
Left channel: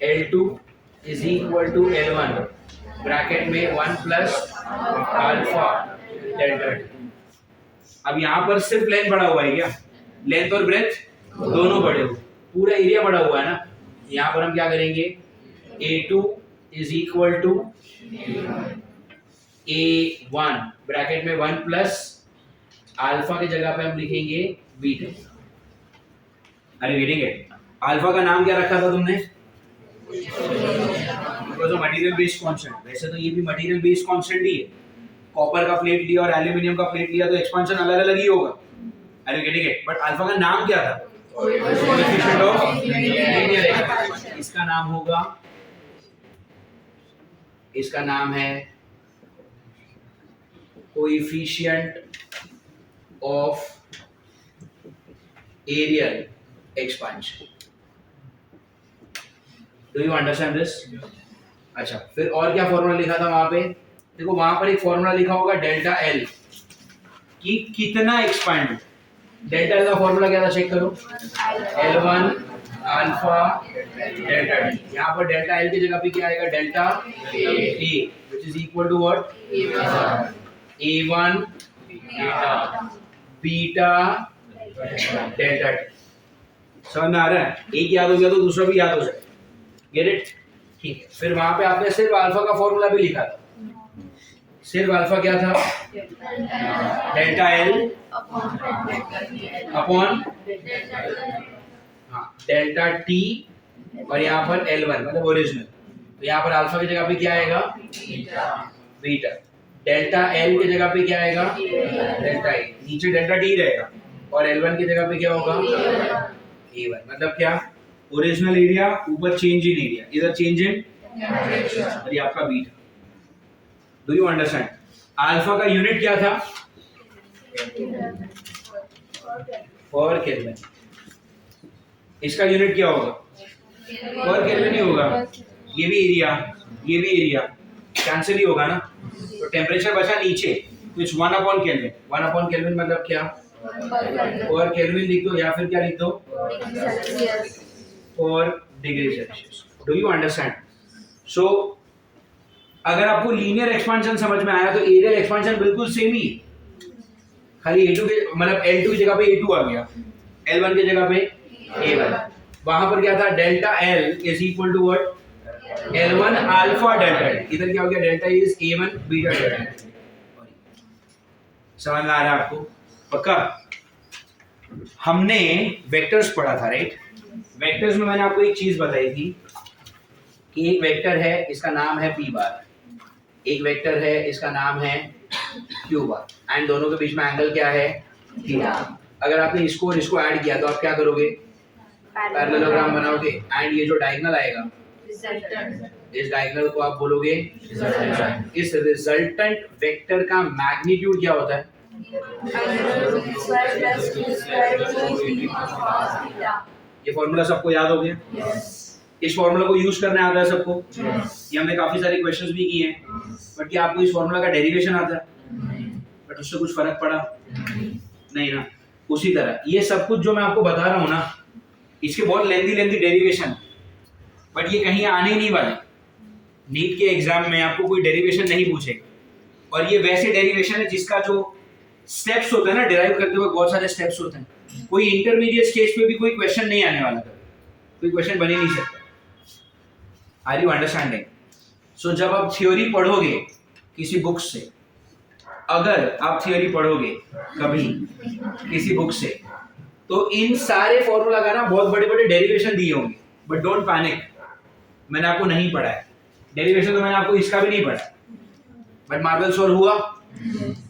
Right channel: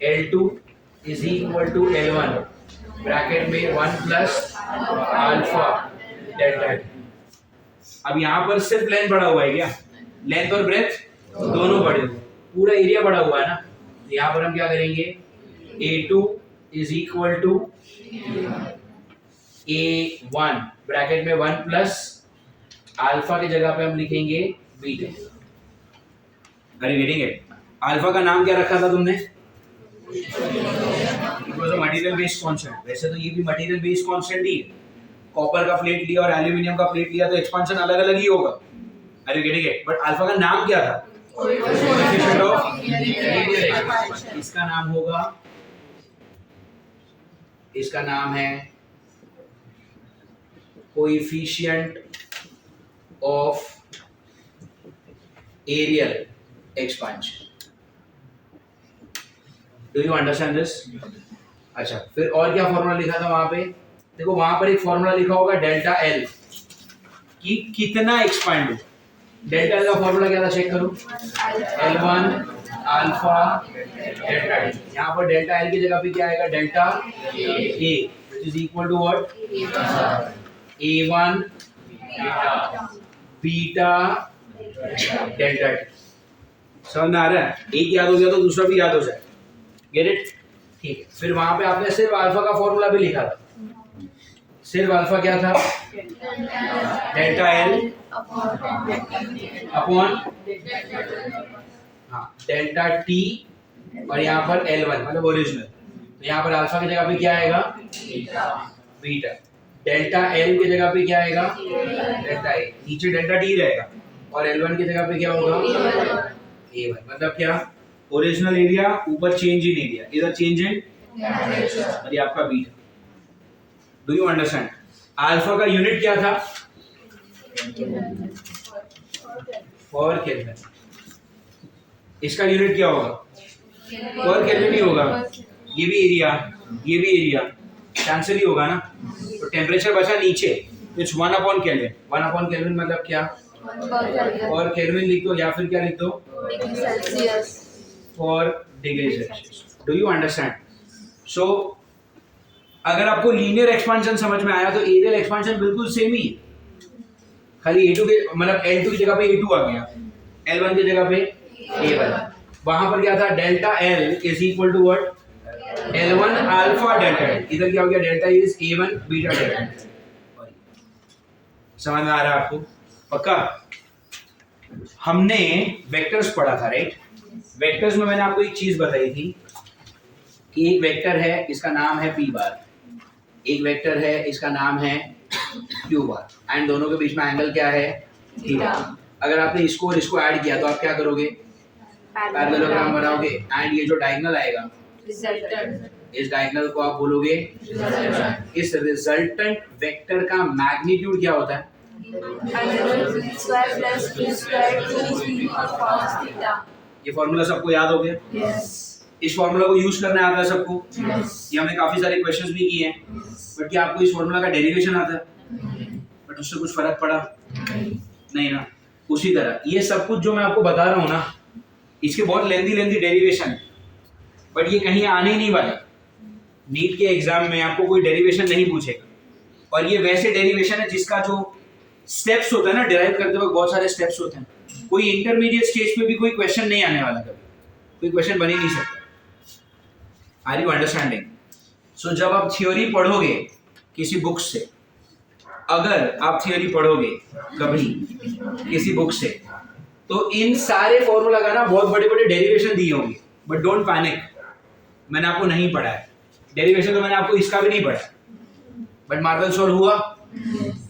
L2 is equal to L1 bracket में 1 प्लस अल्फा डेल्टा टी। अब यहाँ पर सिर्फ लेंथ बढ़ा हुआ है क्या, लेंथ और ब्रेथ दोनों बढ़े हुए, पूरा एरिया बढ़ा हुआ है ना। यहाँ पर हम क्या करेंगे, A2 is equal to A1 bracket में 1 प्लस अल्फा की जगह पे हम लिखेंगे बीटा। अरे गेटिंग इट? अल्फा का नाम क्या रखा था तुमने, it was a material based constant. वैसे तो ये भी मटेरियल बेस्ड कांस्टेंट ही है, कॉपर का प्लेट लिया और एल्यूमिनियम का प्लेट लिया तो एक्सपेंशन अलग अलग ही होगा। अरे गेटिंग इट? बट अल्फा का नाम क्या था, कोएफिशिएंट ऑफ लीनियर एक्सपेंशन। इसका नाम होगा, इसका नाम है coefficient of areal expansion. Do you understand this? अच्छा, फिर और क्या फॉर्मूला लिखा था वहां पे, देखो वहां पर एक फॉर्मूला लिखा होगा डेल्टा एल कि कितना एक्सपांड हो। डेल्टा एल का फॉर्मूला क्या था, चेक करो, L1 अल्फा डेल्टा टी। यहाँ पर डेल्टा एल की जगह पे क्या आएगा, delta A which is equal to what, A1 beta delta T. समझ में आ रहा है? एक याद हो गया तो दूसरा भी याद हो जाए। Get it? ठीक है। फिर वहां पे आपने सिर्फ अल्फा का फॉर्मूला भी लिखा था, सिर्फ अल्फा क्या था, डेल्टा एल अपॉन हाँ डेल्टा टी, और यहाँ पर L1 मतलब ओरिजिनल। तो यहाँ पर अल्फा की जगह पे क्या आएगा, बीटा। डेल्टा एल की जगह पे क्या आएगा, डेल्टा ए, नीचे डेल्टा टी रहेगा, और L1 की जगह पे क्या होगा, A1। मतलब क्या, ओरिजिनल एरिया ऊपर चेंज इन एरिया, इधर चेंज इन, और ये आपका beta. Do you understand? Alpha का यूनिट क्या था, पर केल्विन। इसका यूनिट क्या होगा, पर केल्विन ही होगा। ये भी एरिया, ये भी एरिया, कैंसिल ही होगा ना। तो टेम्परेचर बचा नीचे, तो it's 1 upon kelvin. 1 upon kelvin मतलब क्या, पर केल्विन लिख दो या फिर क्या लिख दो, पर degree Celsius. Do you understand? So अगर आपको लीनियर एक्सपेंशन समझ में आया तो एरियल एक्सपेंशन बिल्कुल सेम ही, खाली A2 के मतलब L2 की जगह पे A2 आ गया, L1 की जगह पे A1। वहां पर क्या था, delta L is equal to what, L1 alpha delta. इधर क्या हो गया, delta is A1 beta delta. समझ में आ रहा है आपको? पक्का? हमने वेक्टर्स पढ़ा था, राइट? वेक्टर्स में मैंने आपको एक चीज बताई थी कि एक वेक्टर है, इसका नाम है P बार, एक वेक्टर है, इसका नाम है Q बार, एंड दोनों के बीच में एंगल क्या है, थीटा। अगर आपने इसको और इसको ऐड किया तो आप क्या करोगे, पैरेललोग्राम बनाओगे, एंड ये जो डायगोनल आएगा, इस डायगोनल को आप बोलोगे रिजल्टेंट। इस रिजल्टेंट वेक्टर का मैग्नीट्यूड क्या होता है, ये फॉर्मूला सबको याद हो गया? इस फॉर्मूला को यूज करना आता है सबको? ये हमने काफी सारे क्वेश्चंस भी किए हैं, बट क्या आपको इस फॉर्मूला का डेरिवेशन आता है? बट उससे कुछ फर्क पड़ा नहीं ना। उसी तरह ये सब कुछ जो मैं आपको बता रहा हूँ ना, इसके बहुत लेंथी डेरिवेशन, बट ये कहीं आने ही नहीं वाले। नीट के एग्जाम में आपको कोई डेरिवेशन नहीं पूछेगा, और ये वैसे डेरिवेशन है जिसका जो स्टेप्स होता है ना, डिराइव करते वक्त बहुत सारे स्टेप्स होते हैं, कोई इंटरमीडिएट स्टेज पे भी कोई क्वेश्चन नहीं आने वाला कभी। कोई क्वेश्चन बन ही नहीं सकता। Are you understanding? सो जब आप थ्योरी पढ़ोगे किसी बुक से, अगर आप थ्योरी पढ़ोगे कभी किसी बुक से, तो इन सारे फॉर्मूला का ना बहुत बड़े बड़े डेरिवेशन दिए होंगे, बट डोंट पैनिक, मैंने आपको नहीं पढ़ा है डेरिवेशन, तो मैंने आपको इसका भी नहीं पढ़ा, बट मार्वल सॉल्व हुआ,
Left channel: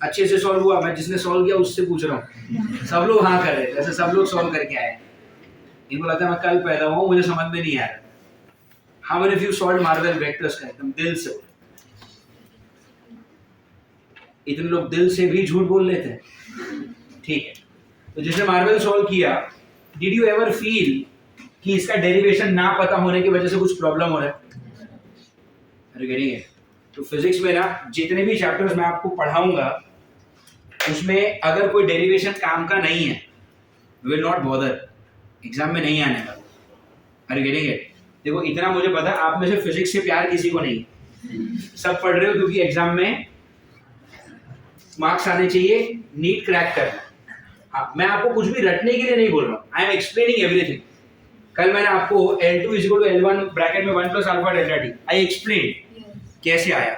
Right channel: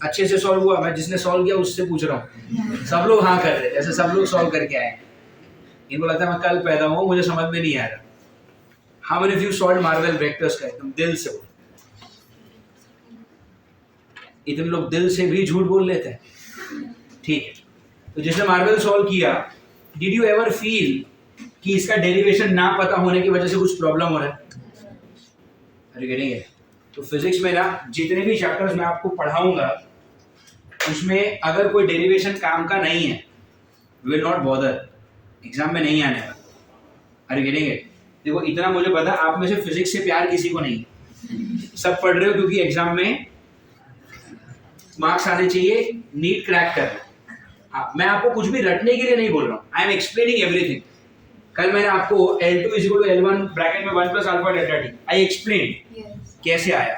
अच्छे से सॉल्व हुआ। मैं जिसने सॉल्व किया उससे पूछ रहा हूँ, सब लोग हाँ कर रहे हैं, जैसे सब लोग सॉल्व करके आए। इनको लगता है मैं कल पैदा हुआ, मुझे समझ में नहीं आ रहा। How many of you solve Marvel vectors का एकदम दिल से? इतने लोग दिल से भी झूठ बोल लेते हैं, ठीक है। तो जिसने मार्वल सॉल्व किया, डिड यू एवर फील कि इसका डेरिवेशन ना पता होने की वजह से कुछ प्रॉब्लम हो रहा है? अरे गेटिंग इट? तो फिजिक्स में ना जितने भी चैप्टर्स मैं आपको पढ़ाऊंगा, उसमें अगर कोई डेरिवेशन काम का नहीं है, we will not bother, exam में नहीं आने वाला। अरे गेटिंग इट? देखो इतना मुझे पता, आप में से फिजिक्स से प्यार किसी को नहीं, सब पढ़ रहे हो क्योंकि एग्जाम में मार्क्स आने चाहिए, नीट क्रैक करना। हाँ, मैं आपको कुछ भी रटने के लिए नहीं बोल रहा हूँ, आई एम एक्सप्लेनिंग एवरीथिंग। कल मैंने आपको L2 = L1 ब्रैकेट में 1 + alpha delta T, I explain कैसे आया।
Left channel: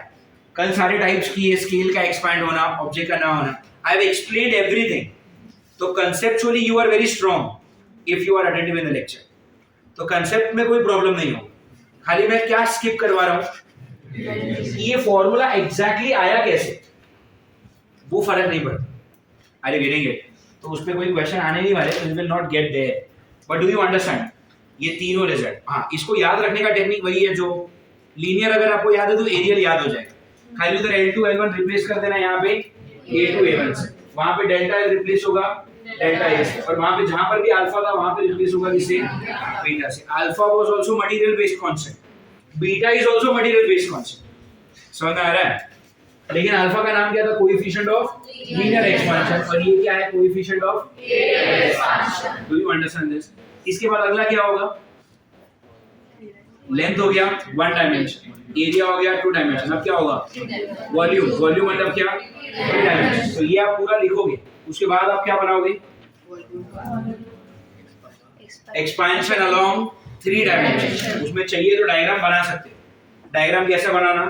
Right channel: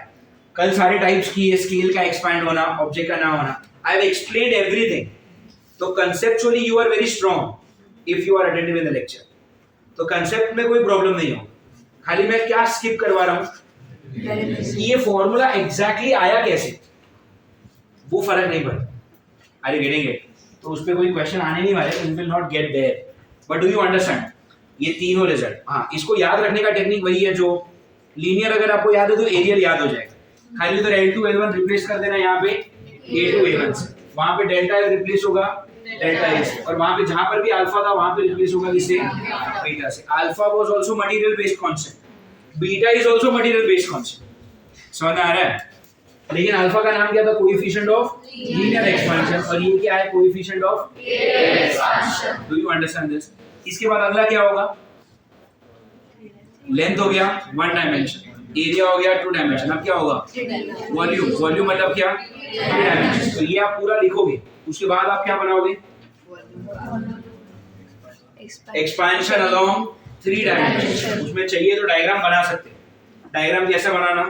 कल सारे टाइप्स की है, स्केल का एक्सपैंड होना, ऑब्जेक्ट का ना होना, आई हैव एक्सप्लेन्ड एवरीथिंग। तो conceptually you are very strong if you are attentive in the lecture, तो कंसेप्ट में कोई प्रॉब्लम नहीं होगा। खाली मैं क्या स्किप करवा रहा हूँ, ये फॉर्मूला एग्जैक्टली आया कैसे, वो फर्क नहीं पड़ता। Are you getting it? तो उस पर कोई क्वेश्चन आने नहीं वाले, you will not get there, but do you understand ये तीनों रिजल्ट? हाँ, इसको याद रखने का टेक्निक वही है जो लीनियर, अगर आपको याद है तो एरियल याद हो जाएगा। खाली उधर L2 L1 रिप्लेस कर देना, यहाँ पे A2 A1 से, वहां पे डेल्टा L रिप्लेस होगा डेल्टा A से, और वहां पे जहां पर भी अल्फा था वहां पे रिप्लेस होगा किससे? बीटा से। Alpha was also material based constant, beta is also material based constant. समझ आ रहा है? लेकिन अल्फा का नाम क्या था? कोएफिशिएंट ऑफ लीनियर एक्सपेंशन, और ये क्या है? Coefficient of expansion. Do you understand this? इसके बाद अगला क्या होगा? लेंथ हो गया 1 डायमेंशन, एरिया हो गया 2 डायमेंशन, अब क्या होगा? वॉल्यूम। वॉल्यूम मतलब क्या? 3 डायमेंशन। तो ये आप पूरा लिखोगे, उसके बाद आप क्या बनाओगे? Expansion along 3 dimension. उसमें चाहिए तो डायग्राम बना सकते हैं। डायग्राम कैसे बनाना?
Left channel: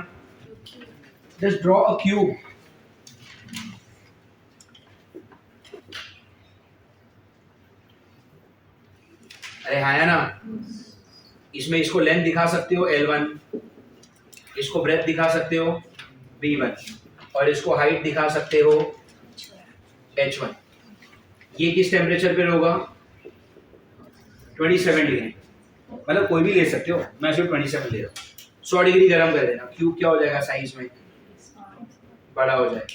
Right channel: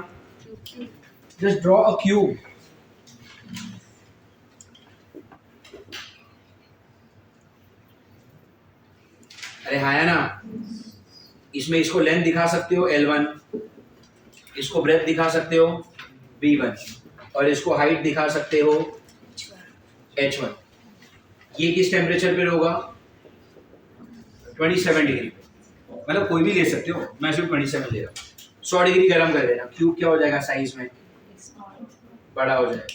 Just draw a cube. अरे हाँ है ना, इसमें इसको लेंथ दिखा सकते हो L1, इसको ब्रेथ दिखा सकते हो B1, और इसको हाइट दिखा सकते हो H1। ये किस टेम्परेचर पे होगा? 27 डिग्री। मतलब कोई भी ले सकते हो, मैं सिर्फ 27 ले रहा हूँ। 100 डिग्री गर्म कर देना, क्यूब क्या हो जाएगा? साइज में बड़ा हो जाएगा।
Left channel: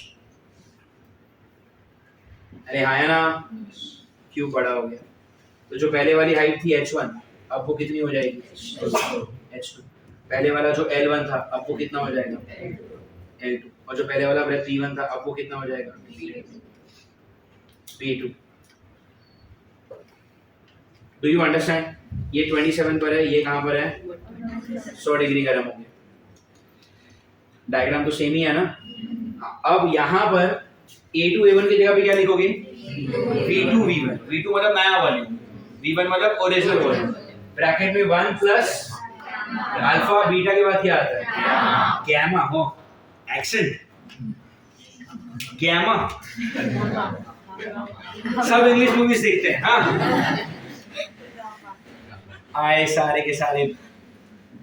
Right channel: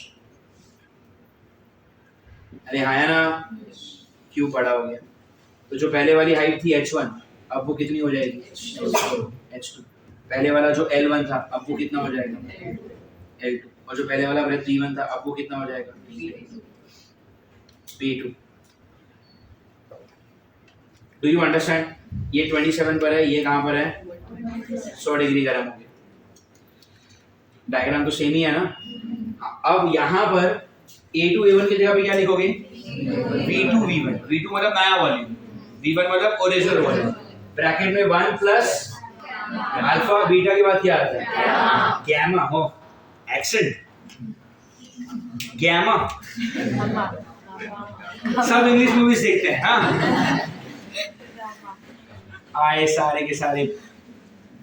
अरे हाँ है ना, क्यूब बड़ा हो गया। तो जो पहले वाली हाइट थी H1, अब वो कितनी हो जाएगी? H2। पहले वाला जो L1 था, अब वो कितना हो जाएगा? L2। और जो पहले वाला ब्रेथ B1 था, अब वो कितना हो जाएगा? B2। Do you understand? ये 27 पर है, ये कहाँ पर है? 100 डिग्री गर्म हो गया। डायग्राम तो सेम ही है ना। अब यहाँ पर A2 A1 की जगह पे क्या लिखोगे? V2 V1। V2 मतलब नया वॉल्यूम, V1 मतलब ओरिजिनल वॉल्यूम। ब्रैकेट में 1 प्लस अल्फा, बीटा के बाद क्या आता है? गैमा। हो एक्सेंट, गैमा। सब इंग्लिश मूवीज देखते हैं। हाँ, आए सारे के सारे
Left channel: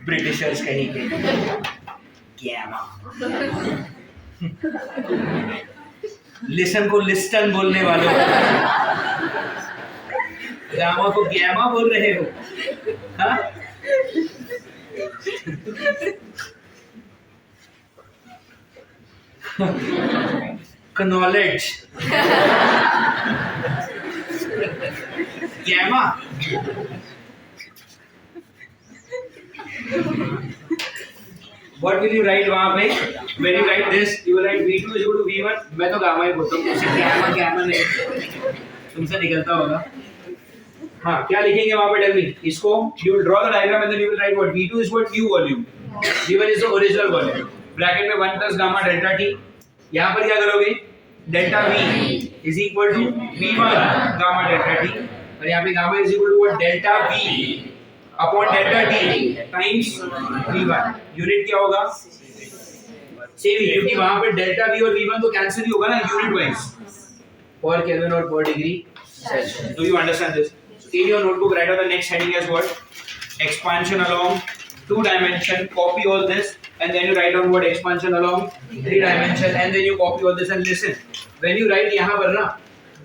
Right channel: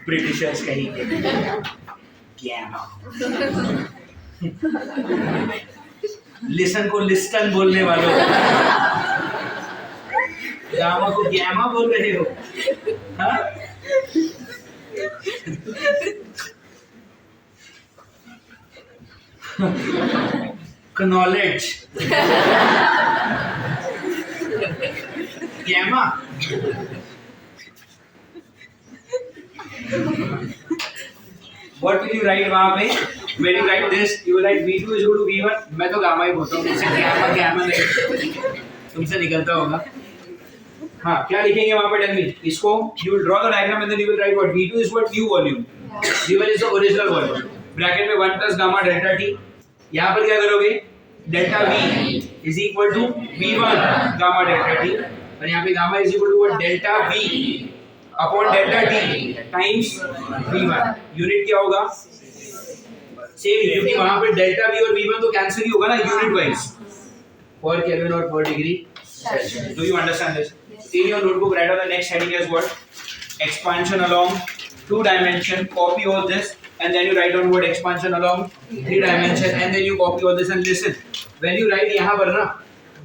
ब्रिटिशर्स कहीं के। गैमा। लिसन को लिस्टन बोलने वालों, गामा को गैमा बोल रहे हो? हाँ? knowledge gamma what will you write वहां पे? when you write this you will write v2 = v1। मैं तो गामा ही बोलता हूँ, तुमसे gamma नहीं, तुमसे निकलता होगा। हाँ, क्या लिखेंगे वहां पे? Tell me. इसको you will draw the diagram and then you will write what? v2 is what? new volume, v1 is the original volume। Bracket में 1 प्लस गामा डेल्टा टी। यहाँ पर क्या करोगे? Delta v is equal to v1 gamma delta T, और यहाँ पे gamma is equal to delta v upon delta T times V1। Unit क्या होगा? सेम ही, क्योंकि वहां पे डेल्टा V और V1 तो कैंसिल ही होगा ना यूनिट वाइज, पर केल्विन और पर degree Celsius. Do you understand this? In your notebook, write down the next heading as what? Expansion along 2 dimension. Copy all this and then you write down what expansion along 3 dimension and then you copy all this and listen. When you write यहाँ पर ना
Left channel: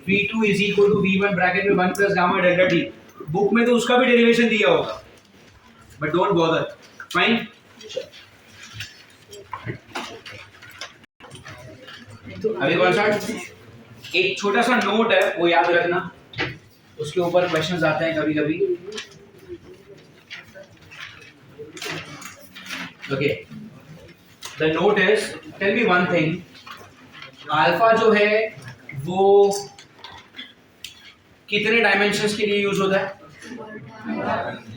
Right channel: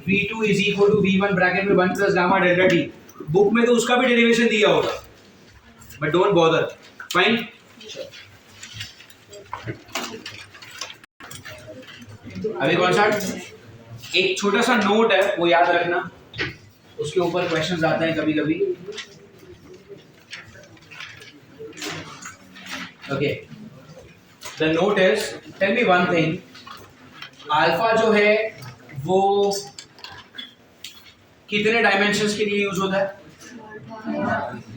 V2 is equal to V1 bracket में 1 plus gamma delta T. Book में तो उसका भी derivation दिया होगा, but don't bother. Fine? अभी कौन सा एक छोटा सा नोट है वो याद रखना, उसके ऊपर क्वेश्चंस आते हैं कभी कभी। Okay, the note is, tell me one thing, alpha जो है वो कितने डायमेंशंस के लिए यूज होता है?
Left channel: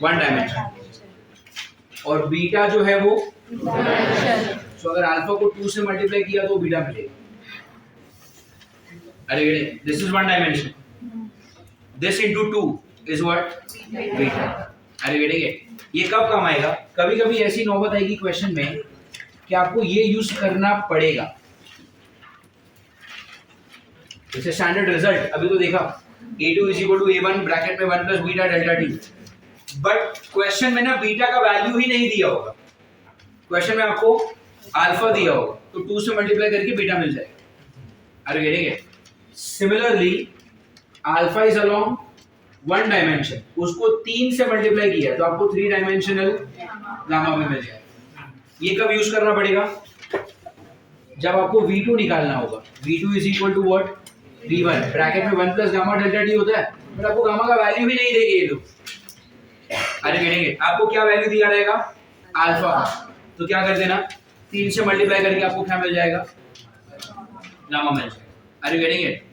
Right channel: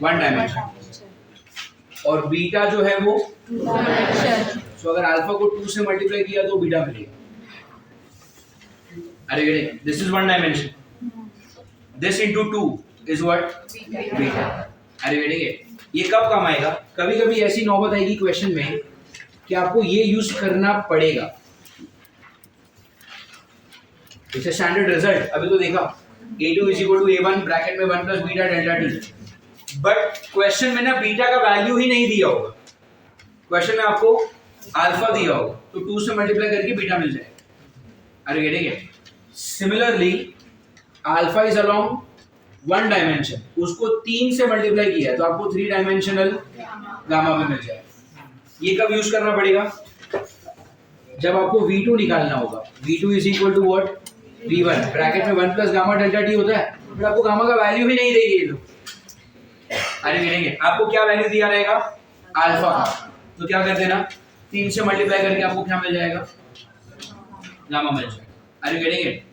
1 डायमेंशन। और बीटा जो है वो 2 डायमेंशन। सो अगर अल्फा को 2 से मल्टीप्लाई किया तो बीटा मिलेगा। अरे this is 1 dimension, this into 2 is what? Beta। अरे बेटे ये कब काम आएगा? कभी कभी ऐसी नौबत आएगी क्वेश्चन में कि आपको ये यूज करना पड़ेगा। It's standard result. अभी तो देखा A2 is equal to A1 bracket में 1 plus beta delta T, but question में ना बीटा का वैल्यू ही नहीं दिया होगा, क्वेश्चन में आपको अल्फा दिया होगा, तो 2 से मल्टीप्लाई करके बीटा मिल जाएगा। अरे बेटे similarly alpha is along 1 dimension, उसको 3 से मल्टीप्लाई किया है तो आपको 3 डायमेंशनल गामा में मिल जाएगा। ये कब यूज करना पड़ेगा? जब आपको V2 निकालना होगा। V2 is equal to what? V1 bracket में 1 प्लस गामा डेल्टा टी होता है, बट आपको गामा का वैल्यू ही नहीं देंगे ये लोग। अरे मिलेंगे आपको क्या वैल्यू दिया रहेगा? अल्फा। तो क्या कर देना, 3 से मल्टीप्लाई करके आपको क्या मिल जाएगा? गामा मिल जाएगा। अरे मिलेंगे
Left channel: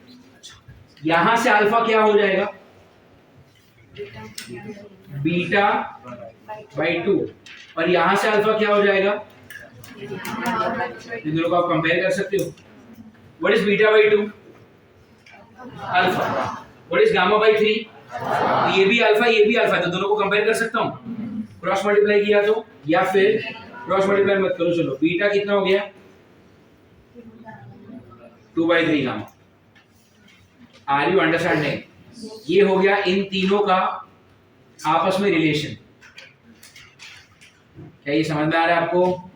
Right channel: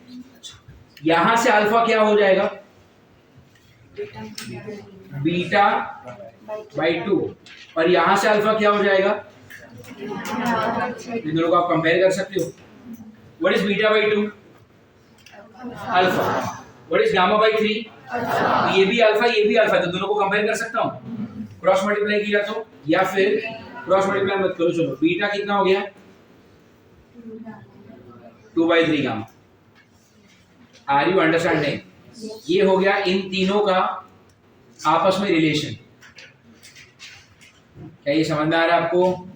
यहां से अल्फा क्या हो जाएगा? बीटा बाई 2, और यहां से अल्फा क्या हो जाएगा? इन दोनों को आप कंपेयर कर सकते हो। What is beta by 2? Alpha. What is gamma by 3? ये भी अल्फा ये भी अल्फा, तो दोनों को कंपेयर कर सकता हूं। क्रॉस मल्टीप्लाई किया तो, या फिर क्रॉस मल्टीप्लाई मत करो, चलो बीटा कितना हो गया? 2/3 गामा। Are you understanding? ये हो गया इन तीनों का आपस में रिलेशन। क्या ये समझ में आ रहा है आपको?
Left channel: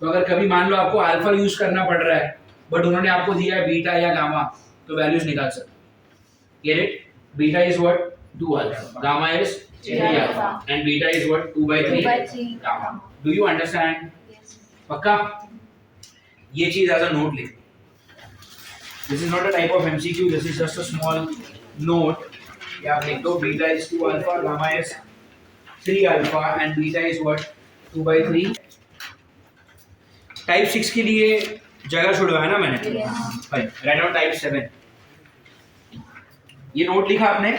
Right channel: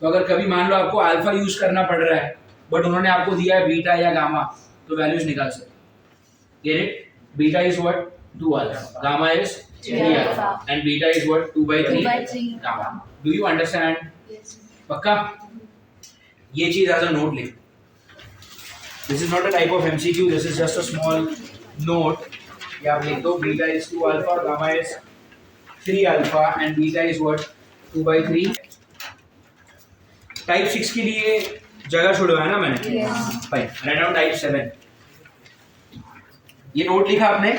तो अगर कभी मान लो आपको अल्फा यूज करना पड़ रहा है बट उन्होंने आपको दिया है बीटा या गामा, तो वैल्यूज निकाल सकते। Get it? Beta is what? 2 alpha, gamma is 3 alpha and beta is what? 2/3 gamma. Do you understand? पक्का? ये चीज एज अ नोट लिख। This is not a type of MCQ. This is just a small note. या आप लिख दो beta is 2 alpha, gamma is 3 alpha and beta is what? 2/3। Type 6 के लिए जगह छुड़वाया ना मैंने? फाइन। Write down type 7। ये नोट लिखा आपने?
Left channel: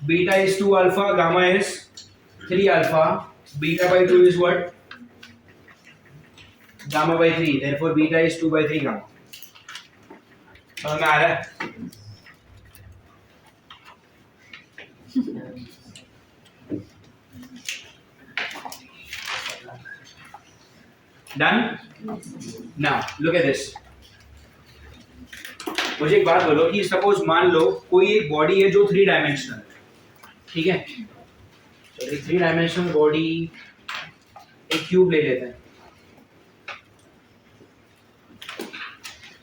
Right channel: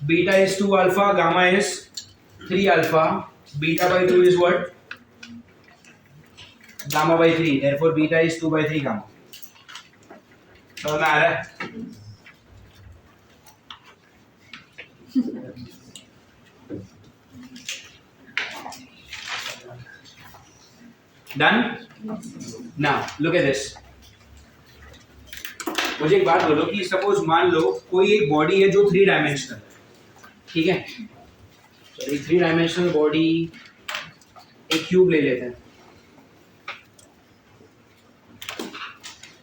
Beta is 2 alpha, gamma is 3 alpha, beta by 2 is what? Gamma by 3. Therefore beta is 2/3 gamma। समझ में आ रहा है? Done? Now look at this. मुझे एक बात बोलो कि सपोज मान लो कोई एक बॉडी है जो 3 डायमेंशनल, ठीक है? तो एक 3 डायमेंशनल बॉडी, एक क्यूब ले लेते हैं।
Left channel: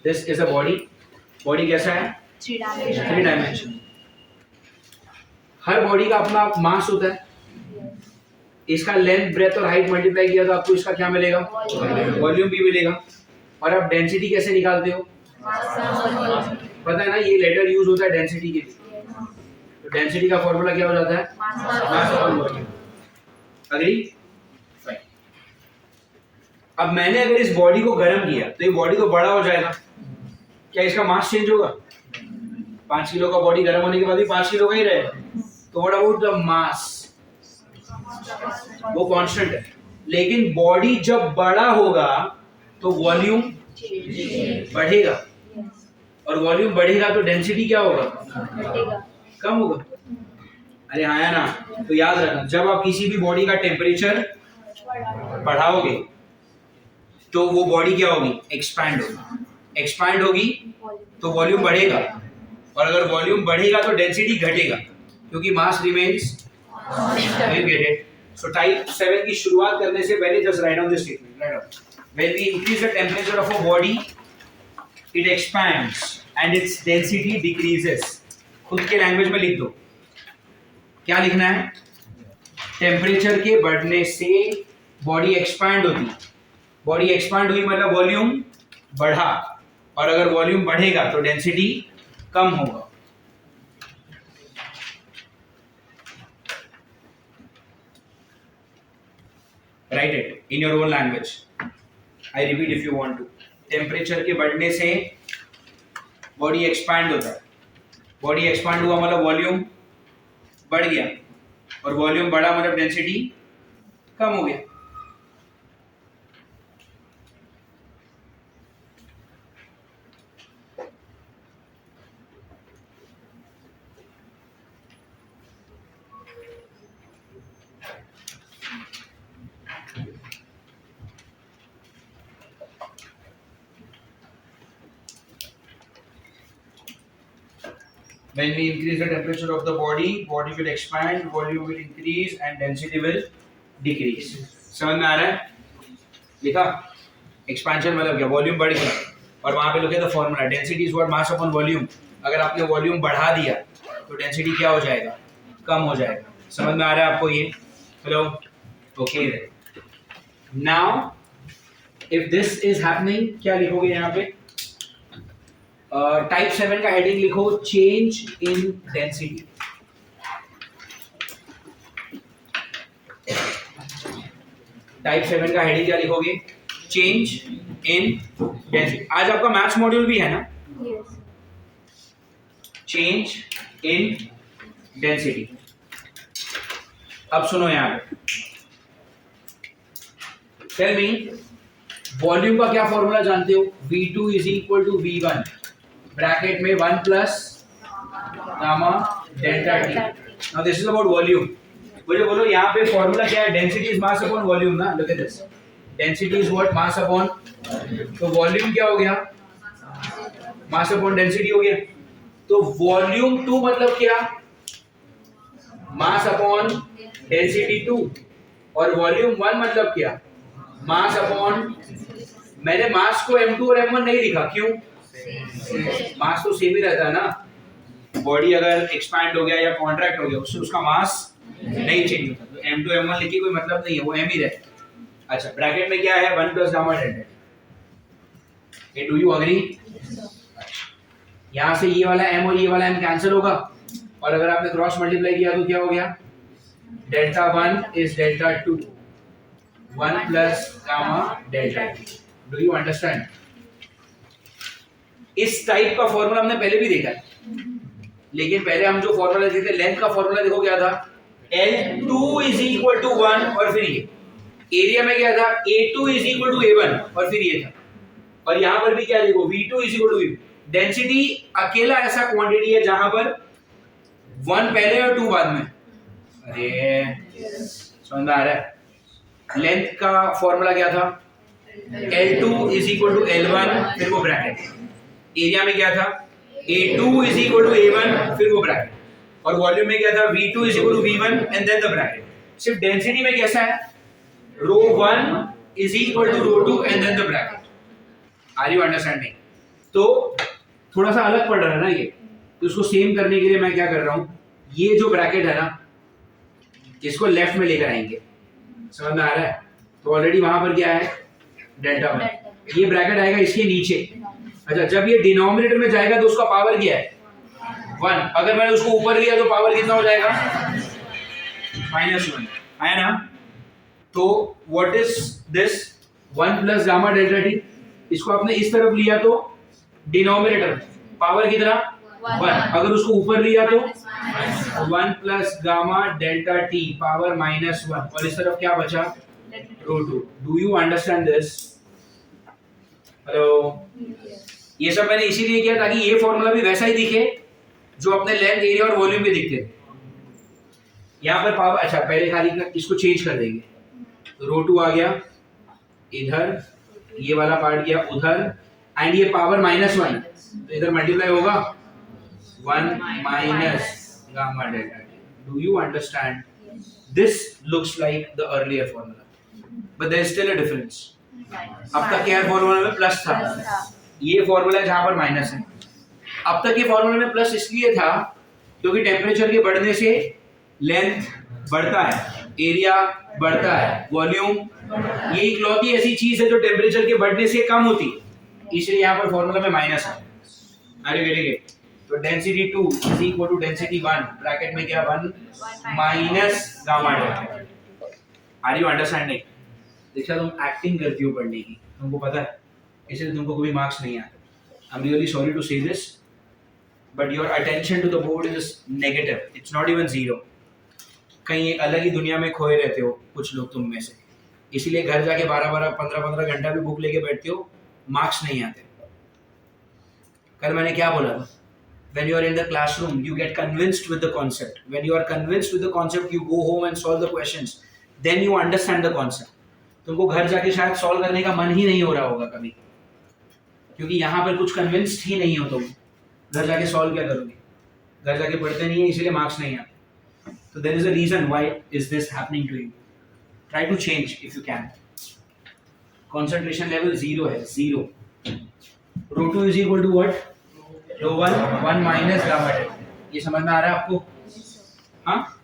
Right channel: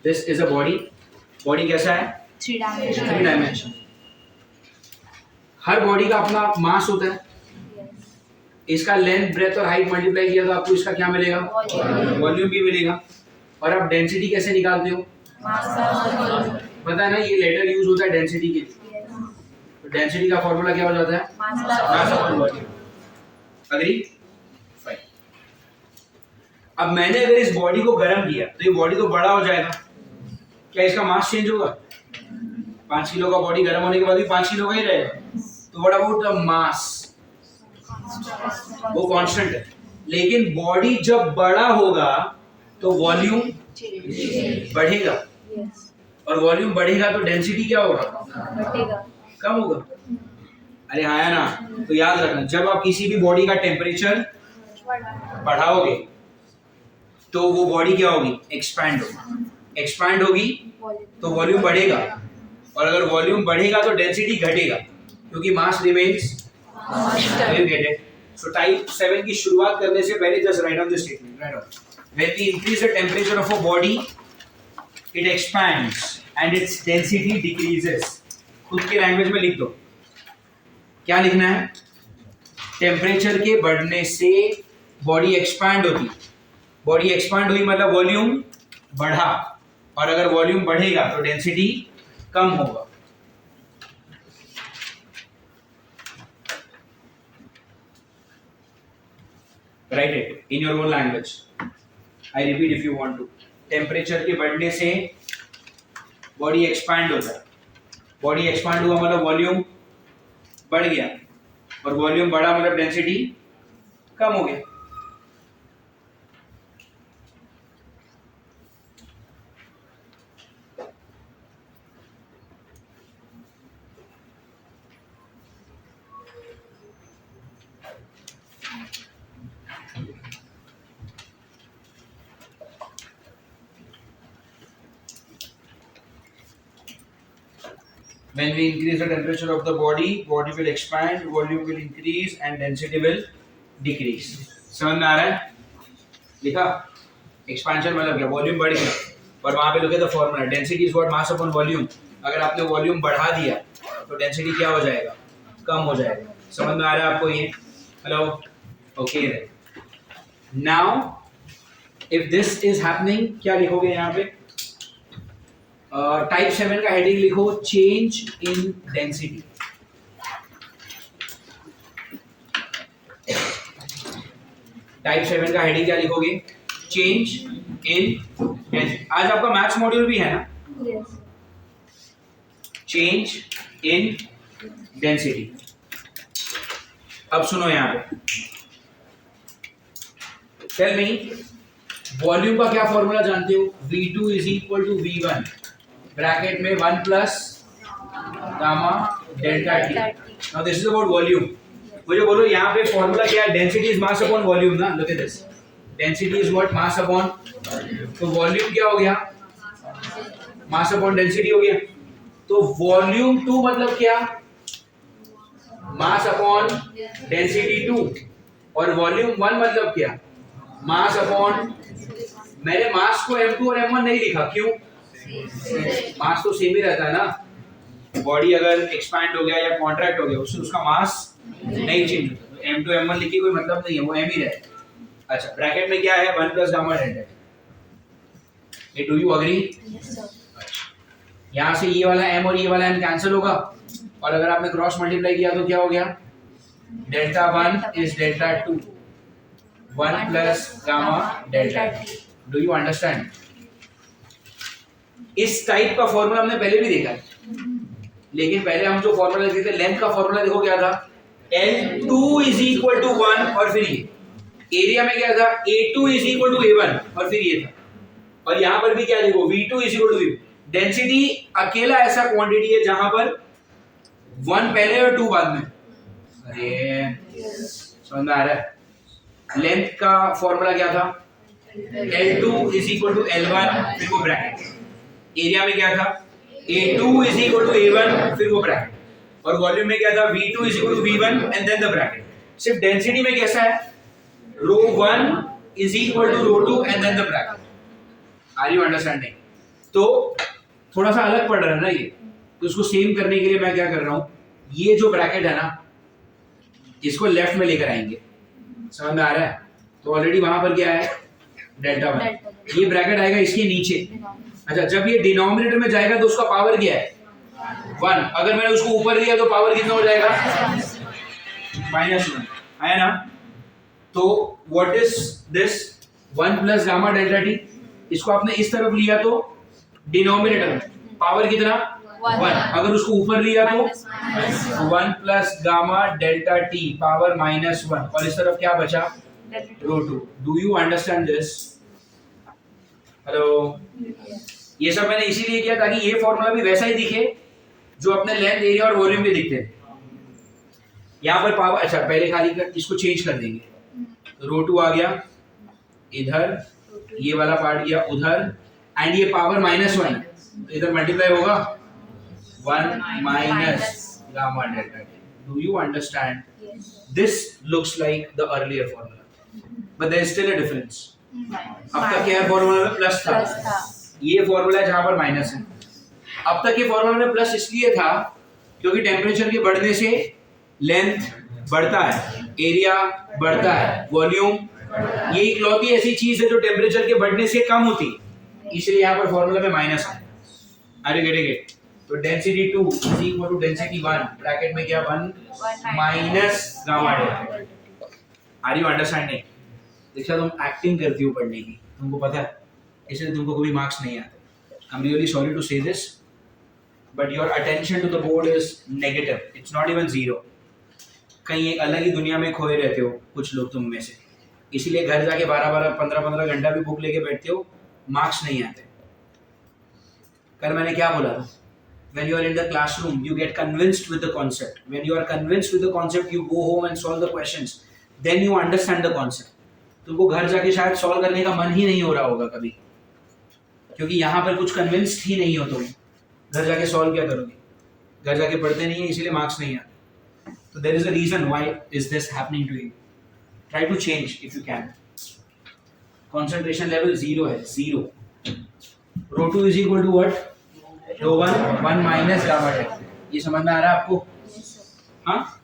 This is a body. Body कैसा है? 3 डायमेंशन। 3 डायमेंशन। हर बॉडी का अपना मास होता है। इसका लेंथ ब्रेथ और हाइट मल्टीप्लाई किया तो आपको इसका क्या मिलेगा? वॉल्यूम भी मिलेगा। और आप डेंसिटी कैसे निकालते हो? पता है ना, ये लेटर यूज होता है डेंसिटी के लिए। तो डेंसिटी का फॉर्मूला क्या हो जाता है? मास अपॉन वॉल्यूम। अग्री? फाइन। अब मैंने अगर इस बॉडी को गर्म किया तो ये बॉडी तो बड़ा हो जाएगा, क्या इसका मास चेंज होगा? 5 किलो का बॉडी गर्म होने के बाद भी 5 किलो का ही रहेगा। तो व्हाट अबाउट द मास? वो कांस्टेंट है। लेकिन बॉडी जब बड़ा होगा तो वॉल्यूम बढ़ेगा, और वॉल्यूम बढ़ेगा तो डेंसिटी क्या होगा? घटेगा, कम होगा। अरे हाँ या ना? तो याद रखना, जब आप किसी भी बॉडी का टेम्परेचर बढ़ाओगे तो वो बॉडी क्या होगी? एक्सपैंड होगी। एक्सपैंड होगी तो वॉल्यूम बढ़ेगा, और अगर वॉल्यूम बढ़ेगा तो डेंसिटी घटेगा, क्योंकि mass remains. You get it? So type 7 की शुरुआत करने से पहले just write down this statement, write down. When we increase the temperature of a body it expands and its density decreases. खुद के लैंग्वेज में लिख दो, क्या लिखना है? टेम्परेचर के बढ़ने से बॉडी एक्सपैंड होती। बॉडी एक्सपैंड हुई मतलब वॉल्यूम बढ़ा, और अगर वॉल्यूम बढ़ेगा तो डेंसिटी कम होगा। Write it in your own language. I repeat if you want to. Temperature के बढ़ने से बॉडी एक्सपैंड होता है। बॉडी एक्सपैंड हुआ मतलब वॉल्यूम बढ़ गया, और वॉल्यूम बढ़ा मतलब डेंसिटी कम हो गया। When we increase the temperature of the body, body will expand, volume will increase and density will decrease. समझ में आ रहा है? लिखा? एक्सपेंशन मतलब क्या? वॉल्यूम बढ़ गया, और वहां पे लिखे था formula, density is what mass upon volume. अगर आपने वॉल्यूम बढ़ा दिया तो डेंसिटी क्या हो जाएगा? कम हो जाएगा। समझ में आ रहा है आपको ये? Hello? Okay. Now if this is happening, क्या लिखोगे यहाँ पे? टाइप 7 का हेडिंग लिखो, चेंज इन डेंसिटी। टाइप 7 का हेडिंग क्या लिखोगे? Change in density. आज आपका मैथ्स मॉड्यूल भी है ना? Yes. Change in density. अब सुनो यहां पे, टेल मी, वॉल्यूम का क्या फॉर्मूला जानते हो? V2 is equal to V1 bracket में 1 plus gamma delta T. Now this is about volume. मुझे बोलो यहाँ पे फॉर्मूला क्या है? Density is mass upon volume ना? Look at this, density is what? Mass upon. तो वॉल्यूम क्या हो गया? मास अपॉन डेंसिटी हो गया। तो वॉल्यूम 2 मतलब क्या? Mass upon density 2। और वॉल्यूम 1 मतलब क्या? Mass upon. मैंने मास को M2 और M1 नहीं लिखा, क्यों? मास तो सेम ही रहता है ना। बॉडी अगर एक्सपैंड हो गया या कॉन्ट्रैक्ट हो गया उससे उसका मास नहीं चेंज होता, तो M2 M1 लिखी कोई मतलब नहीं है, वो M ही रहेगा। अच्छा, ब्रैकेट में क्या है? 1 प्लस गामा डेल्टा। ये डू यू अग्री? यहाँ से ये वाला M और ये वाला M कैंसिल होगा, और अगर आपने क्रॉस मल्टीप्लाई किया तो क्या हो गया? Delta 1 is delta 2, 1 plus gamma delta. Do you understand? इस टाइप का फॉर्मूला हमने पहले भी देखा है, लेकिन पहले हम जो फॉर्मूला देखते थे, लेंथ का फॉर्मूला देखो क्या था? L2 इज इक्वल टू 1, और फिर ये एरिया में क्या था? A2 is equal to A1, और फिर ये था। और यहाँ पर भी क्या देखो? V2 is equal to V। Density अकेला ऐसा क्वांटिटी है जहां पर 1 पहले और 2 बाद में। अरे समझ में आ रहा है? लेंथ का फॉर्मूला क्या था? L2 is equal to L1, फिर वो ब्रैकेट। एरिया में क्या था? A2 is equal to A1, फिर वो ब्रैकेट। और वॉल्यूम में क्या था? V2 is equal to V1 and then the bracket. सिर्फ डेंसिटी में कैसा है? Rho 1 is equal to rho 2 and then the bracket. Are you understanding? तो थोड़ा सा अलग पड़ रहा है ना ये, तो इसको सेम करने के लिए मैं क्या कर रहा हूं, ये जो ब्रैकेट है ना इसको लेफ्ट में लेकर आएंगे। समझ में आ रहा है? तो ऑलरेडी वहां पर क्या है? डेल्टा 1। ये ब्रैकेट आएगा इसके नीचे। अच्छा, जब ये डिनोमिनेटर में जाएगा तो उसका पावर क्या है? 1। अगर मैंने उसको ऊपर लिया तो पावर कितना हो जाएगा? -1 है ना? तो what is this? 1 plus gamma delta T. इसको आपने इस तरफ लिया तो डिनोमिनेटर में पावर कितना? 1। अगर उसको ऊपर लिया तो 1 plus gamma delta T power -1, और इस तरफ क्या बचा? रो 2। Do you understand this? Hello? ये सब मैंने इसीलिए किया ताकि ये फॉर्मूला भी वैसा ही दिखे जो अपने लेंथ, एरिया और वॉल्यूम के दिखते हैं। यहाँ पर पावर, अच्छा पहले खाली इसको चेंज कर देंगे, तो रो 2 आ गया इधर, ये वाला पार्ट गया उधर, एंड ये पावर -1 तो इधर मल्टीप्लाई होगा 1 minus gamma delta T. Do you understand? This looks like the earlier formula but there is still a difference. अब तक क्या फॉर्मूला में प्लस था, ये फॉर्मूला है जहां पर माइनस है. अब तक ये फॉर्मूला में प्लस इसलिए था क्योंकि टेम्परेचर के बढ़ने से लेंथ बढ़ता है, एरिया बढ़ता है, वॉल्यूम, ये इकलौती ऐसी चीज है जो टेम्परेचर के बढ़ने से कम होती, इसलिए यहाँ पर फॉर्मूला में माइनस है. Are you getting it? तो density 2 is equal to density 1, bracket में क्या 1 minus gamma delta. Are you understanding? देखा तुम एक्टिंग करती हो पढ़ने की, तुमको पता है, इसलिए तुमको कोई मार्क्स नहीं आते. I am really sorry to say this, but your attention to the board is negative, it's not even zero. कहीं एक अलग ही दुनिया में खोए रहते हो कुछ लोग तुम में से, इसीलिए घर जाके 12-12, 15-15 घंटा भी बुक लेके बैठते हो, मार्क्स नहीं आते. कल मैंने क्या बोला था? When you are in the classroom, you get convinced with the concept. When you are convinced with the concept, you go home and solve the questions. Then you understand the concept. तुमको घर जाके शायद solve करने का मन ही नहीं हो रहा होगा कभी, क्योंकि यहाँ पर कुछ कन्विंस्ड ही नहीं हो तुम. घर जाके सॉल्व क्या करोगे? घर जाके पढ़ते नहीं है, इसलिए मार्क्स नहीं आते. तो there is a reason why is this happening to you. Try to change if you can. Concentration level 0 है, 0. Rho 2 is equal to what? Rho 1 minus gamma delta. ये समझ में आ रहा है आपको? हाँ,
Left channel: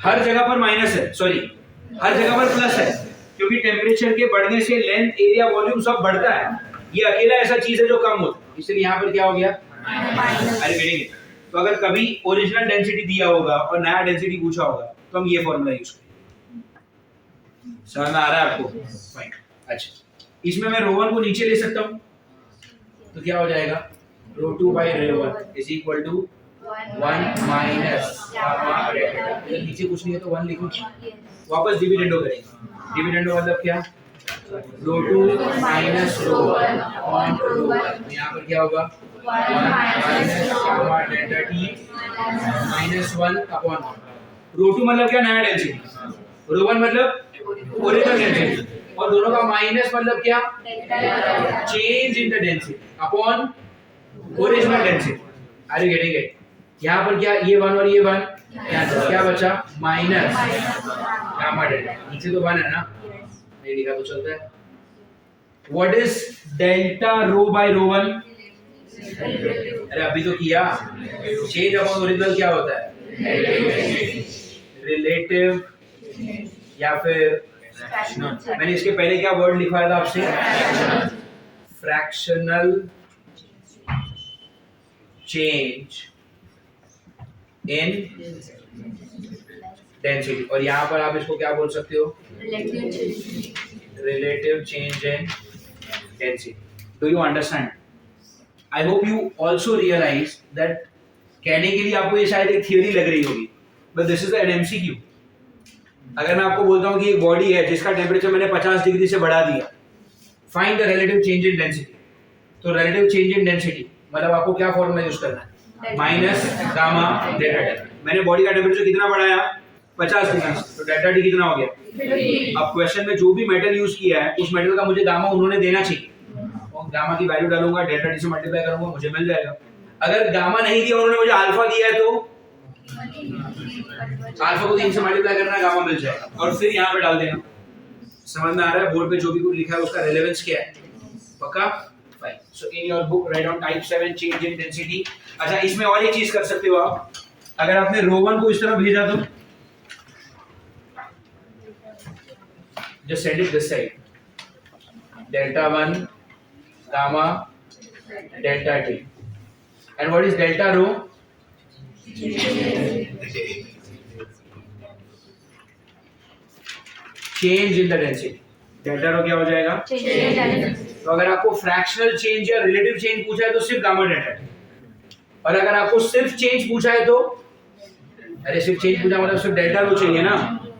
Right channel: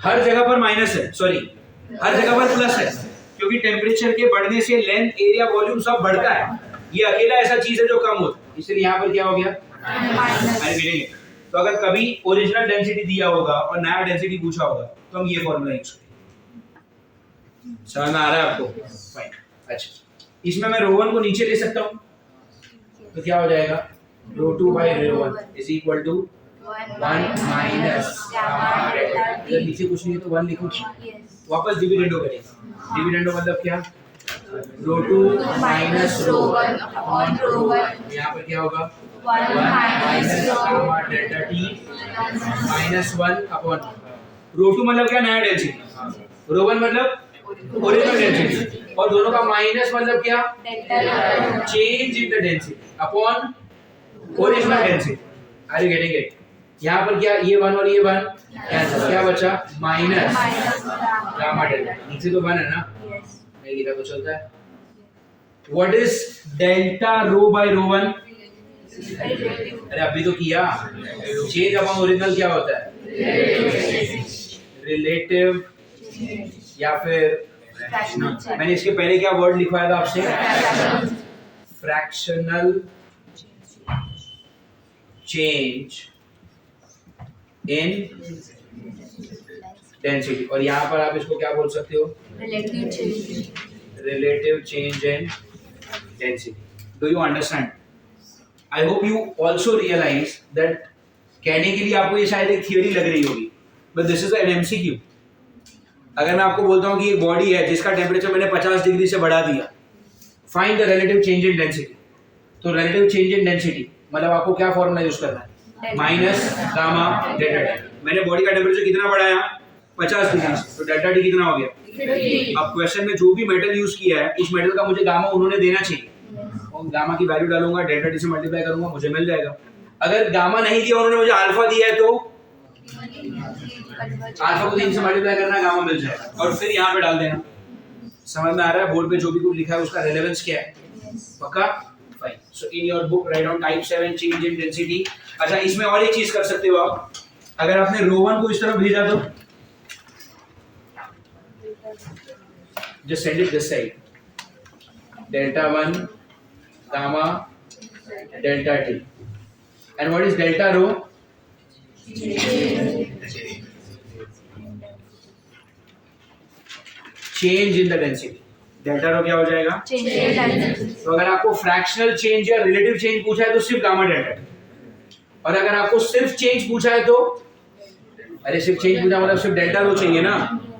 हर जगह पर माइनस है, सॉरी हर जगह पर प्लस है, क्योंकि टेम्परेचर के बढ़ने से लेंथ, एरिया, वॉल्यूम सब बढ़ता है. ये अकेला ऐसा चीज है जो कम होता है, इसलिए यहाँ पर क्या हो गया? अरे गिनेंगे. तो अगर कभी ओरिजिनल डेंसिटी दिया होगा और नया डेंसिटी पूछा होगा तो हम ये फॉर्मूला यूज करेंगे. समझ में आ रहा है आपको? फाइन. अच्छा, इसमें मैं रो 1 को नीचे ले सकता हूँ, तो क्या हो जाएगा? Rho 2 by rho 1 is equal to 1 minus gamma delta. अगर नीचे कुछ नहीं है तो 1 लिखूं. वापस डिविडेंडो करेंगे. डिविडेंडो मतलब क्या? रो 2 माइनस रो 1 अपॉन रो 1. यहाँ पर क्या होगा? 1 minus gamma delta T minus 1 upon rho 2 मतलब क्या? नया डेंसिटी. रो 1 मतलब ओरिजिनल डेंसिटी, और दोनों का माइनस मतलब क्या? Change in the density upon original density. Are you getting it? यहाँ पर क्या? ये 1 और ये 1 कैंसिल, क्या बचा? Minus gamma delta. नीचे तो 1 है ना, नहीं लिखा तो चलता है. What is delta rho by rho 1? अरे अभी तो किया. चेंज अपॉन ओरिजिनल क्या होता है? रिलेटिव या फिर मैंने इसके पहले क्या वर्ड लिखवाया था आपसे? Fractional change in density. और यहाँ पर आप इसको क्या बोल सकते हो? Relative change in density. Do you understand? I hope you also realise that कहने के लिए आपको ये शायद एक थियोरी लग रही होगी, but this is an MCQ. अगर मैं आपको बोलता हूँ कि एक बॉडी है जिसका टेम्परेचर मैंने 50 डिग्री से बढ़ा दिया, find the relative change in density. तो रिलेटिव चेंज इन डेंसिटी मतलब आपको क्या फॉर्मूला यूज करना है? Minus gamma delta T. मैंने बॉडी का टेम्परेचर कितना बढ़ाया? 50 डिग्री से, तो डेल्टा टी कितना हो गया? 3. अब क्वेश्चन में जो भी मेटल यूज किया है उस मेटल का मुझे गामा उन्होंने देना चाहिए, और गामा की वैल्यू डालूंगा, डेल्टा टी से मल्टीप्लाई करूंगा, मुझे मिल जाएगा. अगर गामा नहीं दिया, उन्होंने मुझे अल्फा दिया है, तो अल्फा को 3 से मल्टीप्लाई करना, गामा मिल जाएगा, और फिर यहाँ पे डाल देना. समझ में आ रहा है? बोर्ड पे जो भी कुछ लिखा है उसका रेलेवेंस क्या है? पक्का? Fine. So in your book right on type 7 change in density. अच्छा, इसमें और एक चीज कर सकते हो आप. अगर आपने रो 1 को इस तरफ भेजा तो just send it this side. Delta 1 gamma delta t. And what is delta rho? Change in the density. Delta rho क्या हो जाएगा? तो अगर आपको फ्रैक्शनल चेंज या रिलेटिव चेंज पूछा है तो सिर्फ गामा डेल्टा टी, और अगर आपको सिर्फ चेंज पूछा है तो, अरे सिर्फ चेंज पूछा मतलब सिर्फ डेल्टा रो चाहिए ना,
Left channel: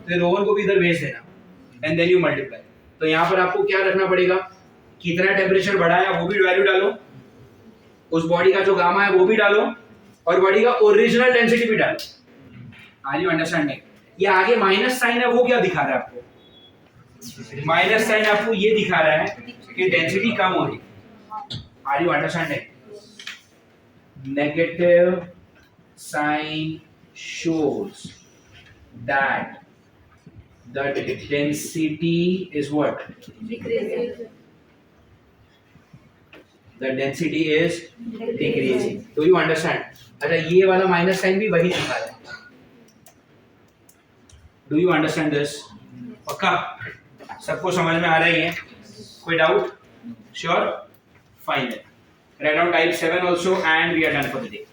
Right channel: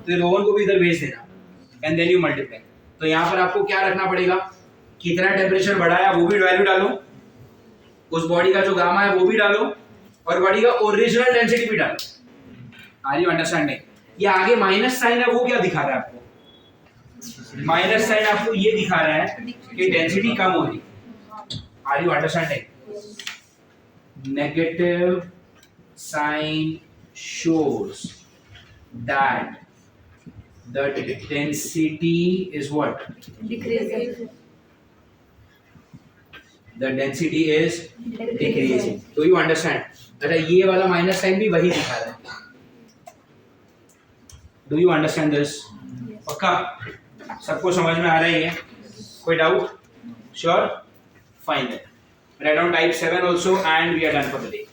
तो रो 1 को भी इधर भेज देना, एंड देन यू मल्टीप्लाई. तो यहाँ पर आपको क्या रखना पड़ेगा? कितना टेम्परेचर बढ़ाया वो भी वैल्यू डालो, उस बॉडी का जो गामा है वो भी डालो, और बॉडी का ओरिजिनल डेंसिटी भी डालो. Are you understanding? ये आगे माइनस साइन है, वो क्या दिखा रहा है आपको? माइनस साइन आपको ये दिखा रहा है कि डेंसिटी कम हो रही। Are you understanding? Negative sign shows that the density is what? Decreasing. The density is decreasing. Do you understand? अच्छा, ये वाला माइनस साइन भी वही दिखा रहा है। Do you understand this? पक्का सबको समझ में आ रही है? कोई doubt? Sure? Fine. Write down type 7 also and we are done for the day.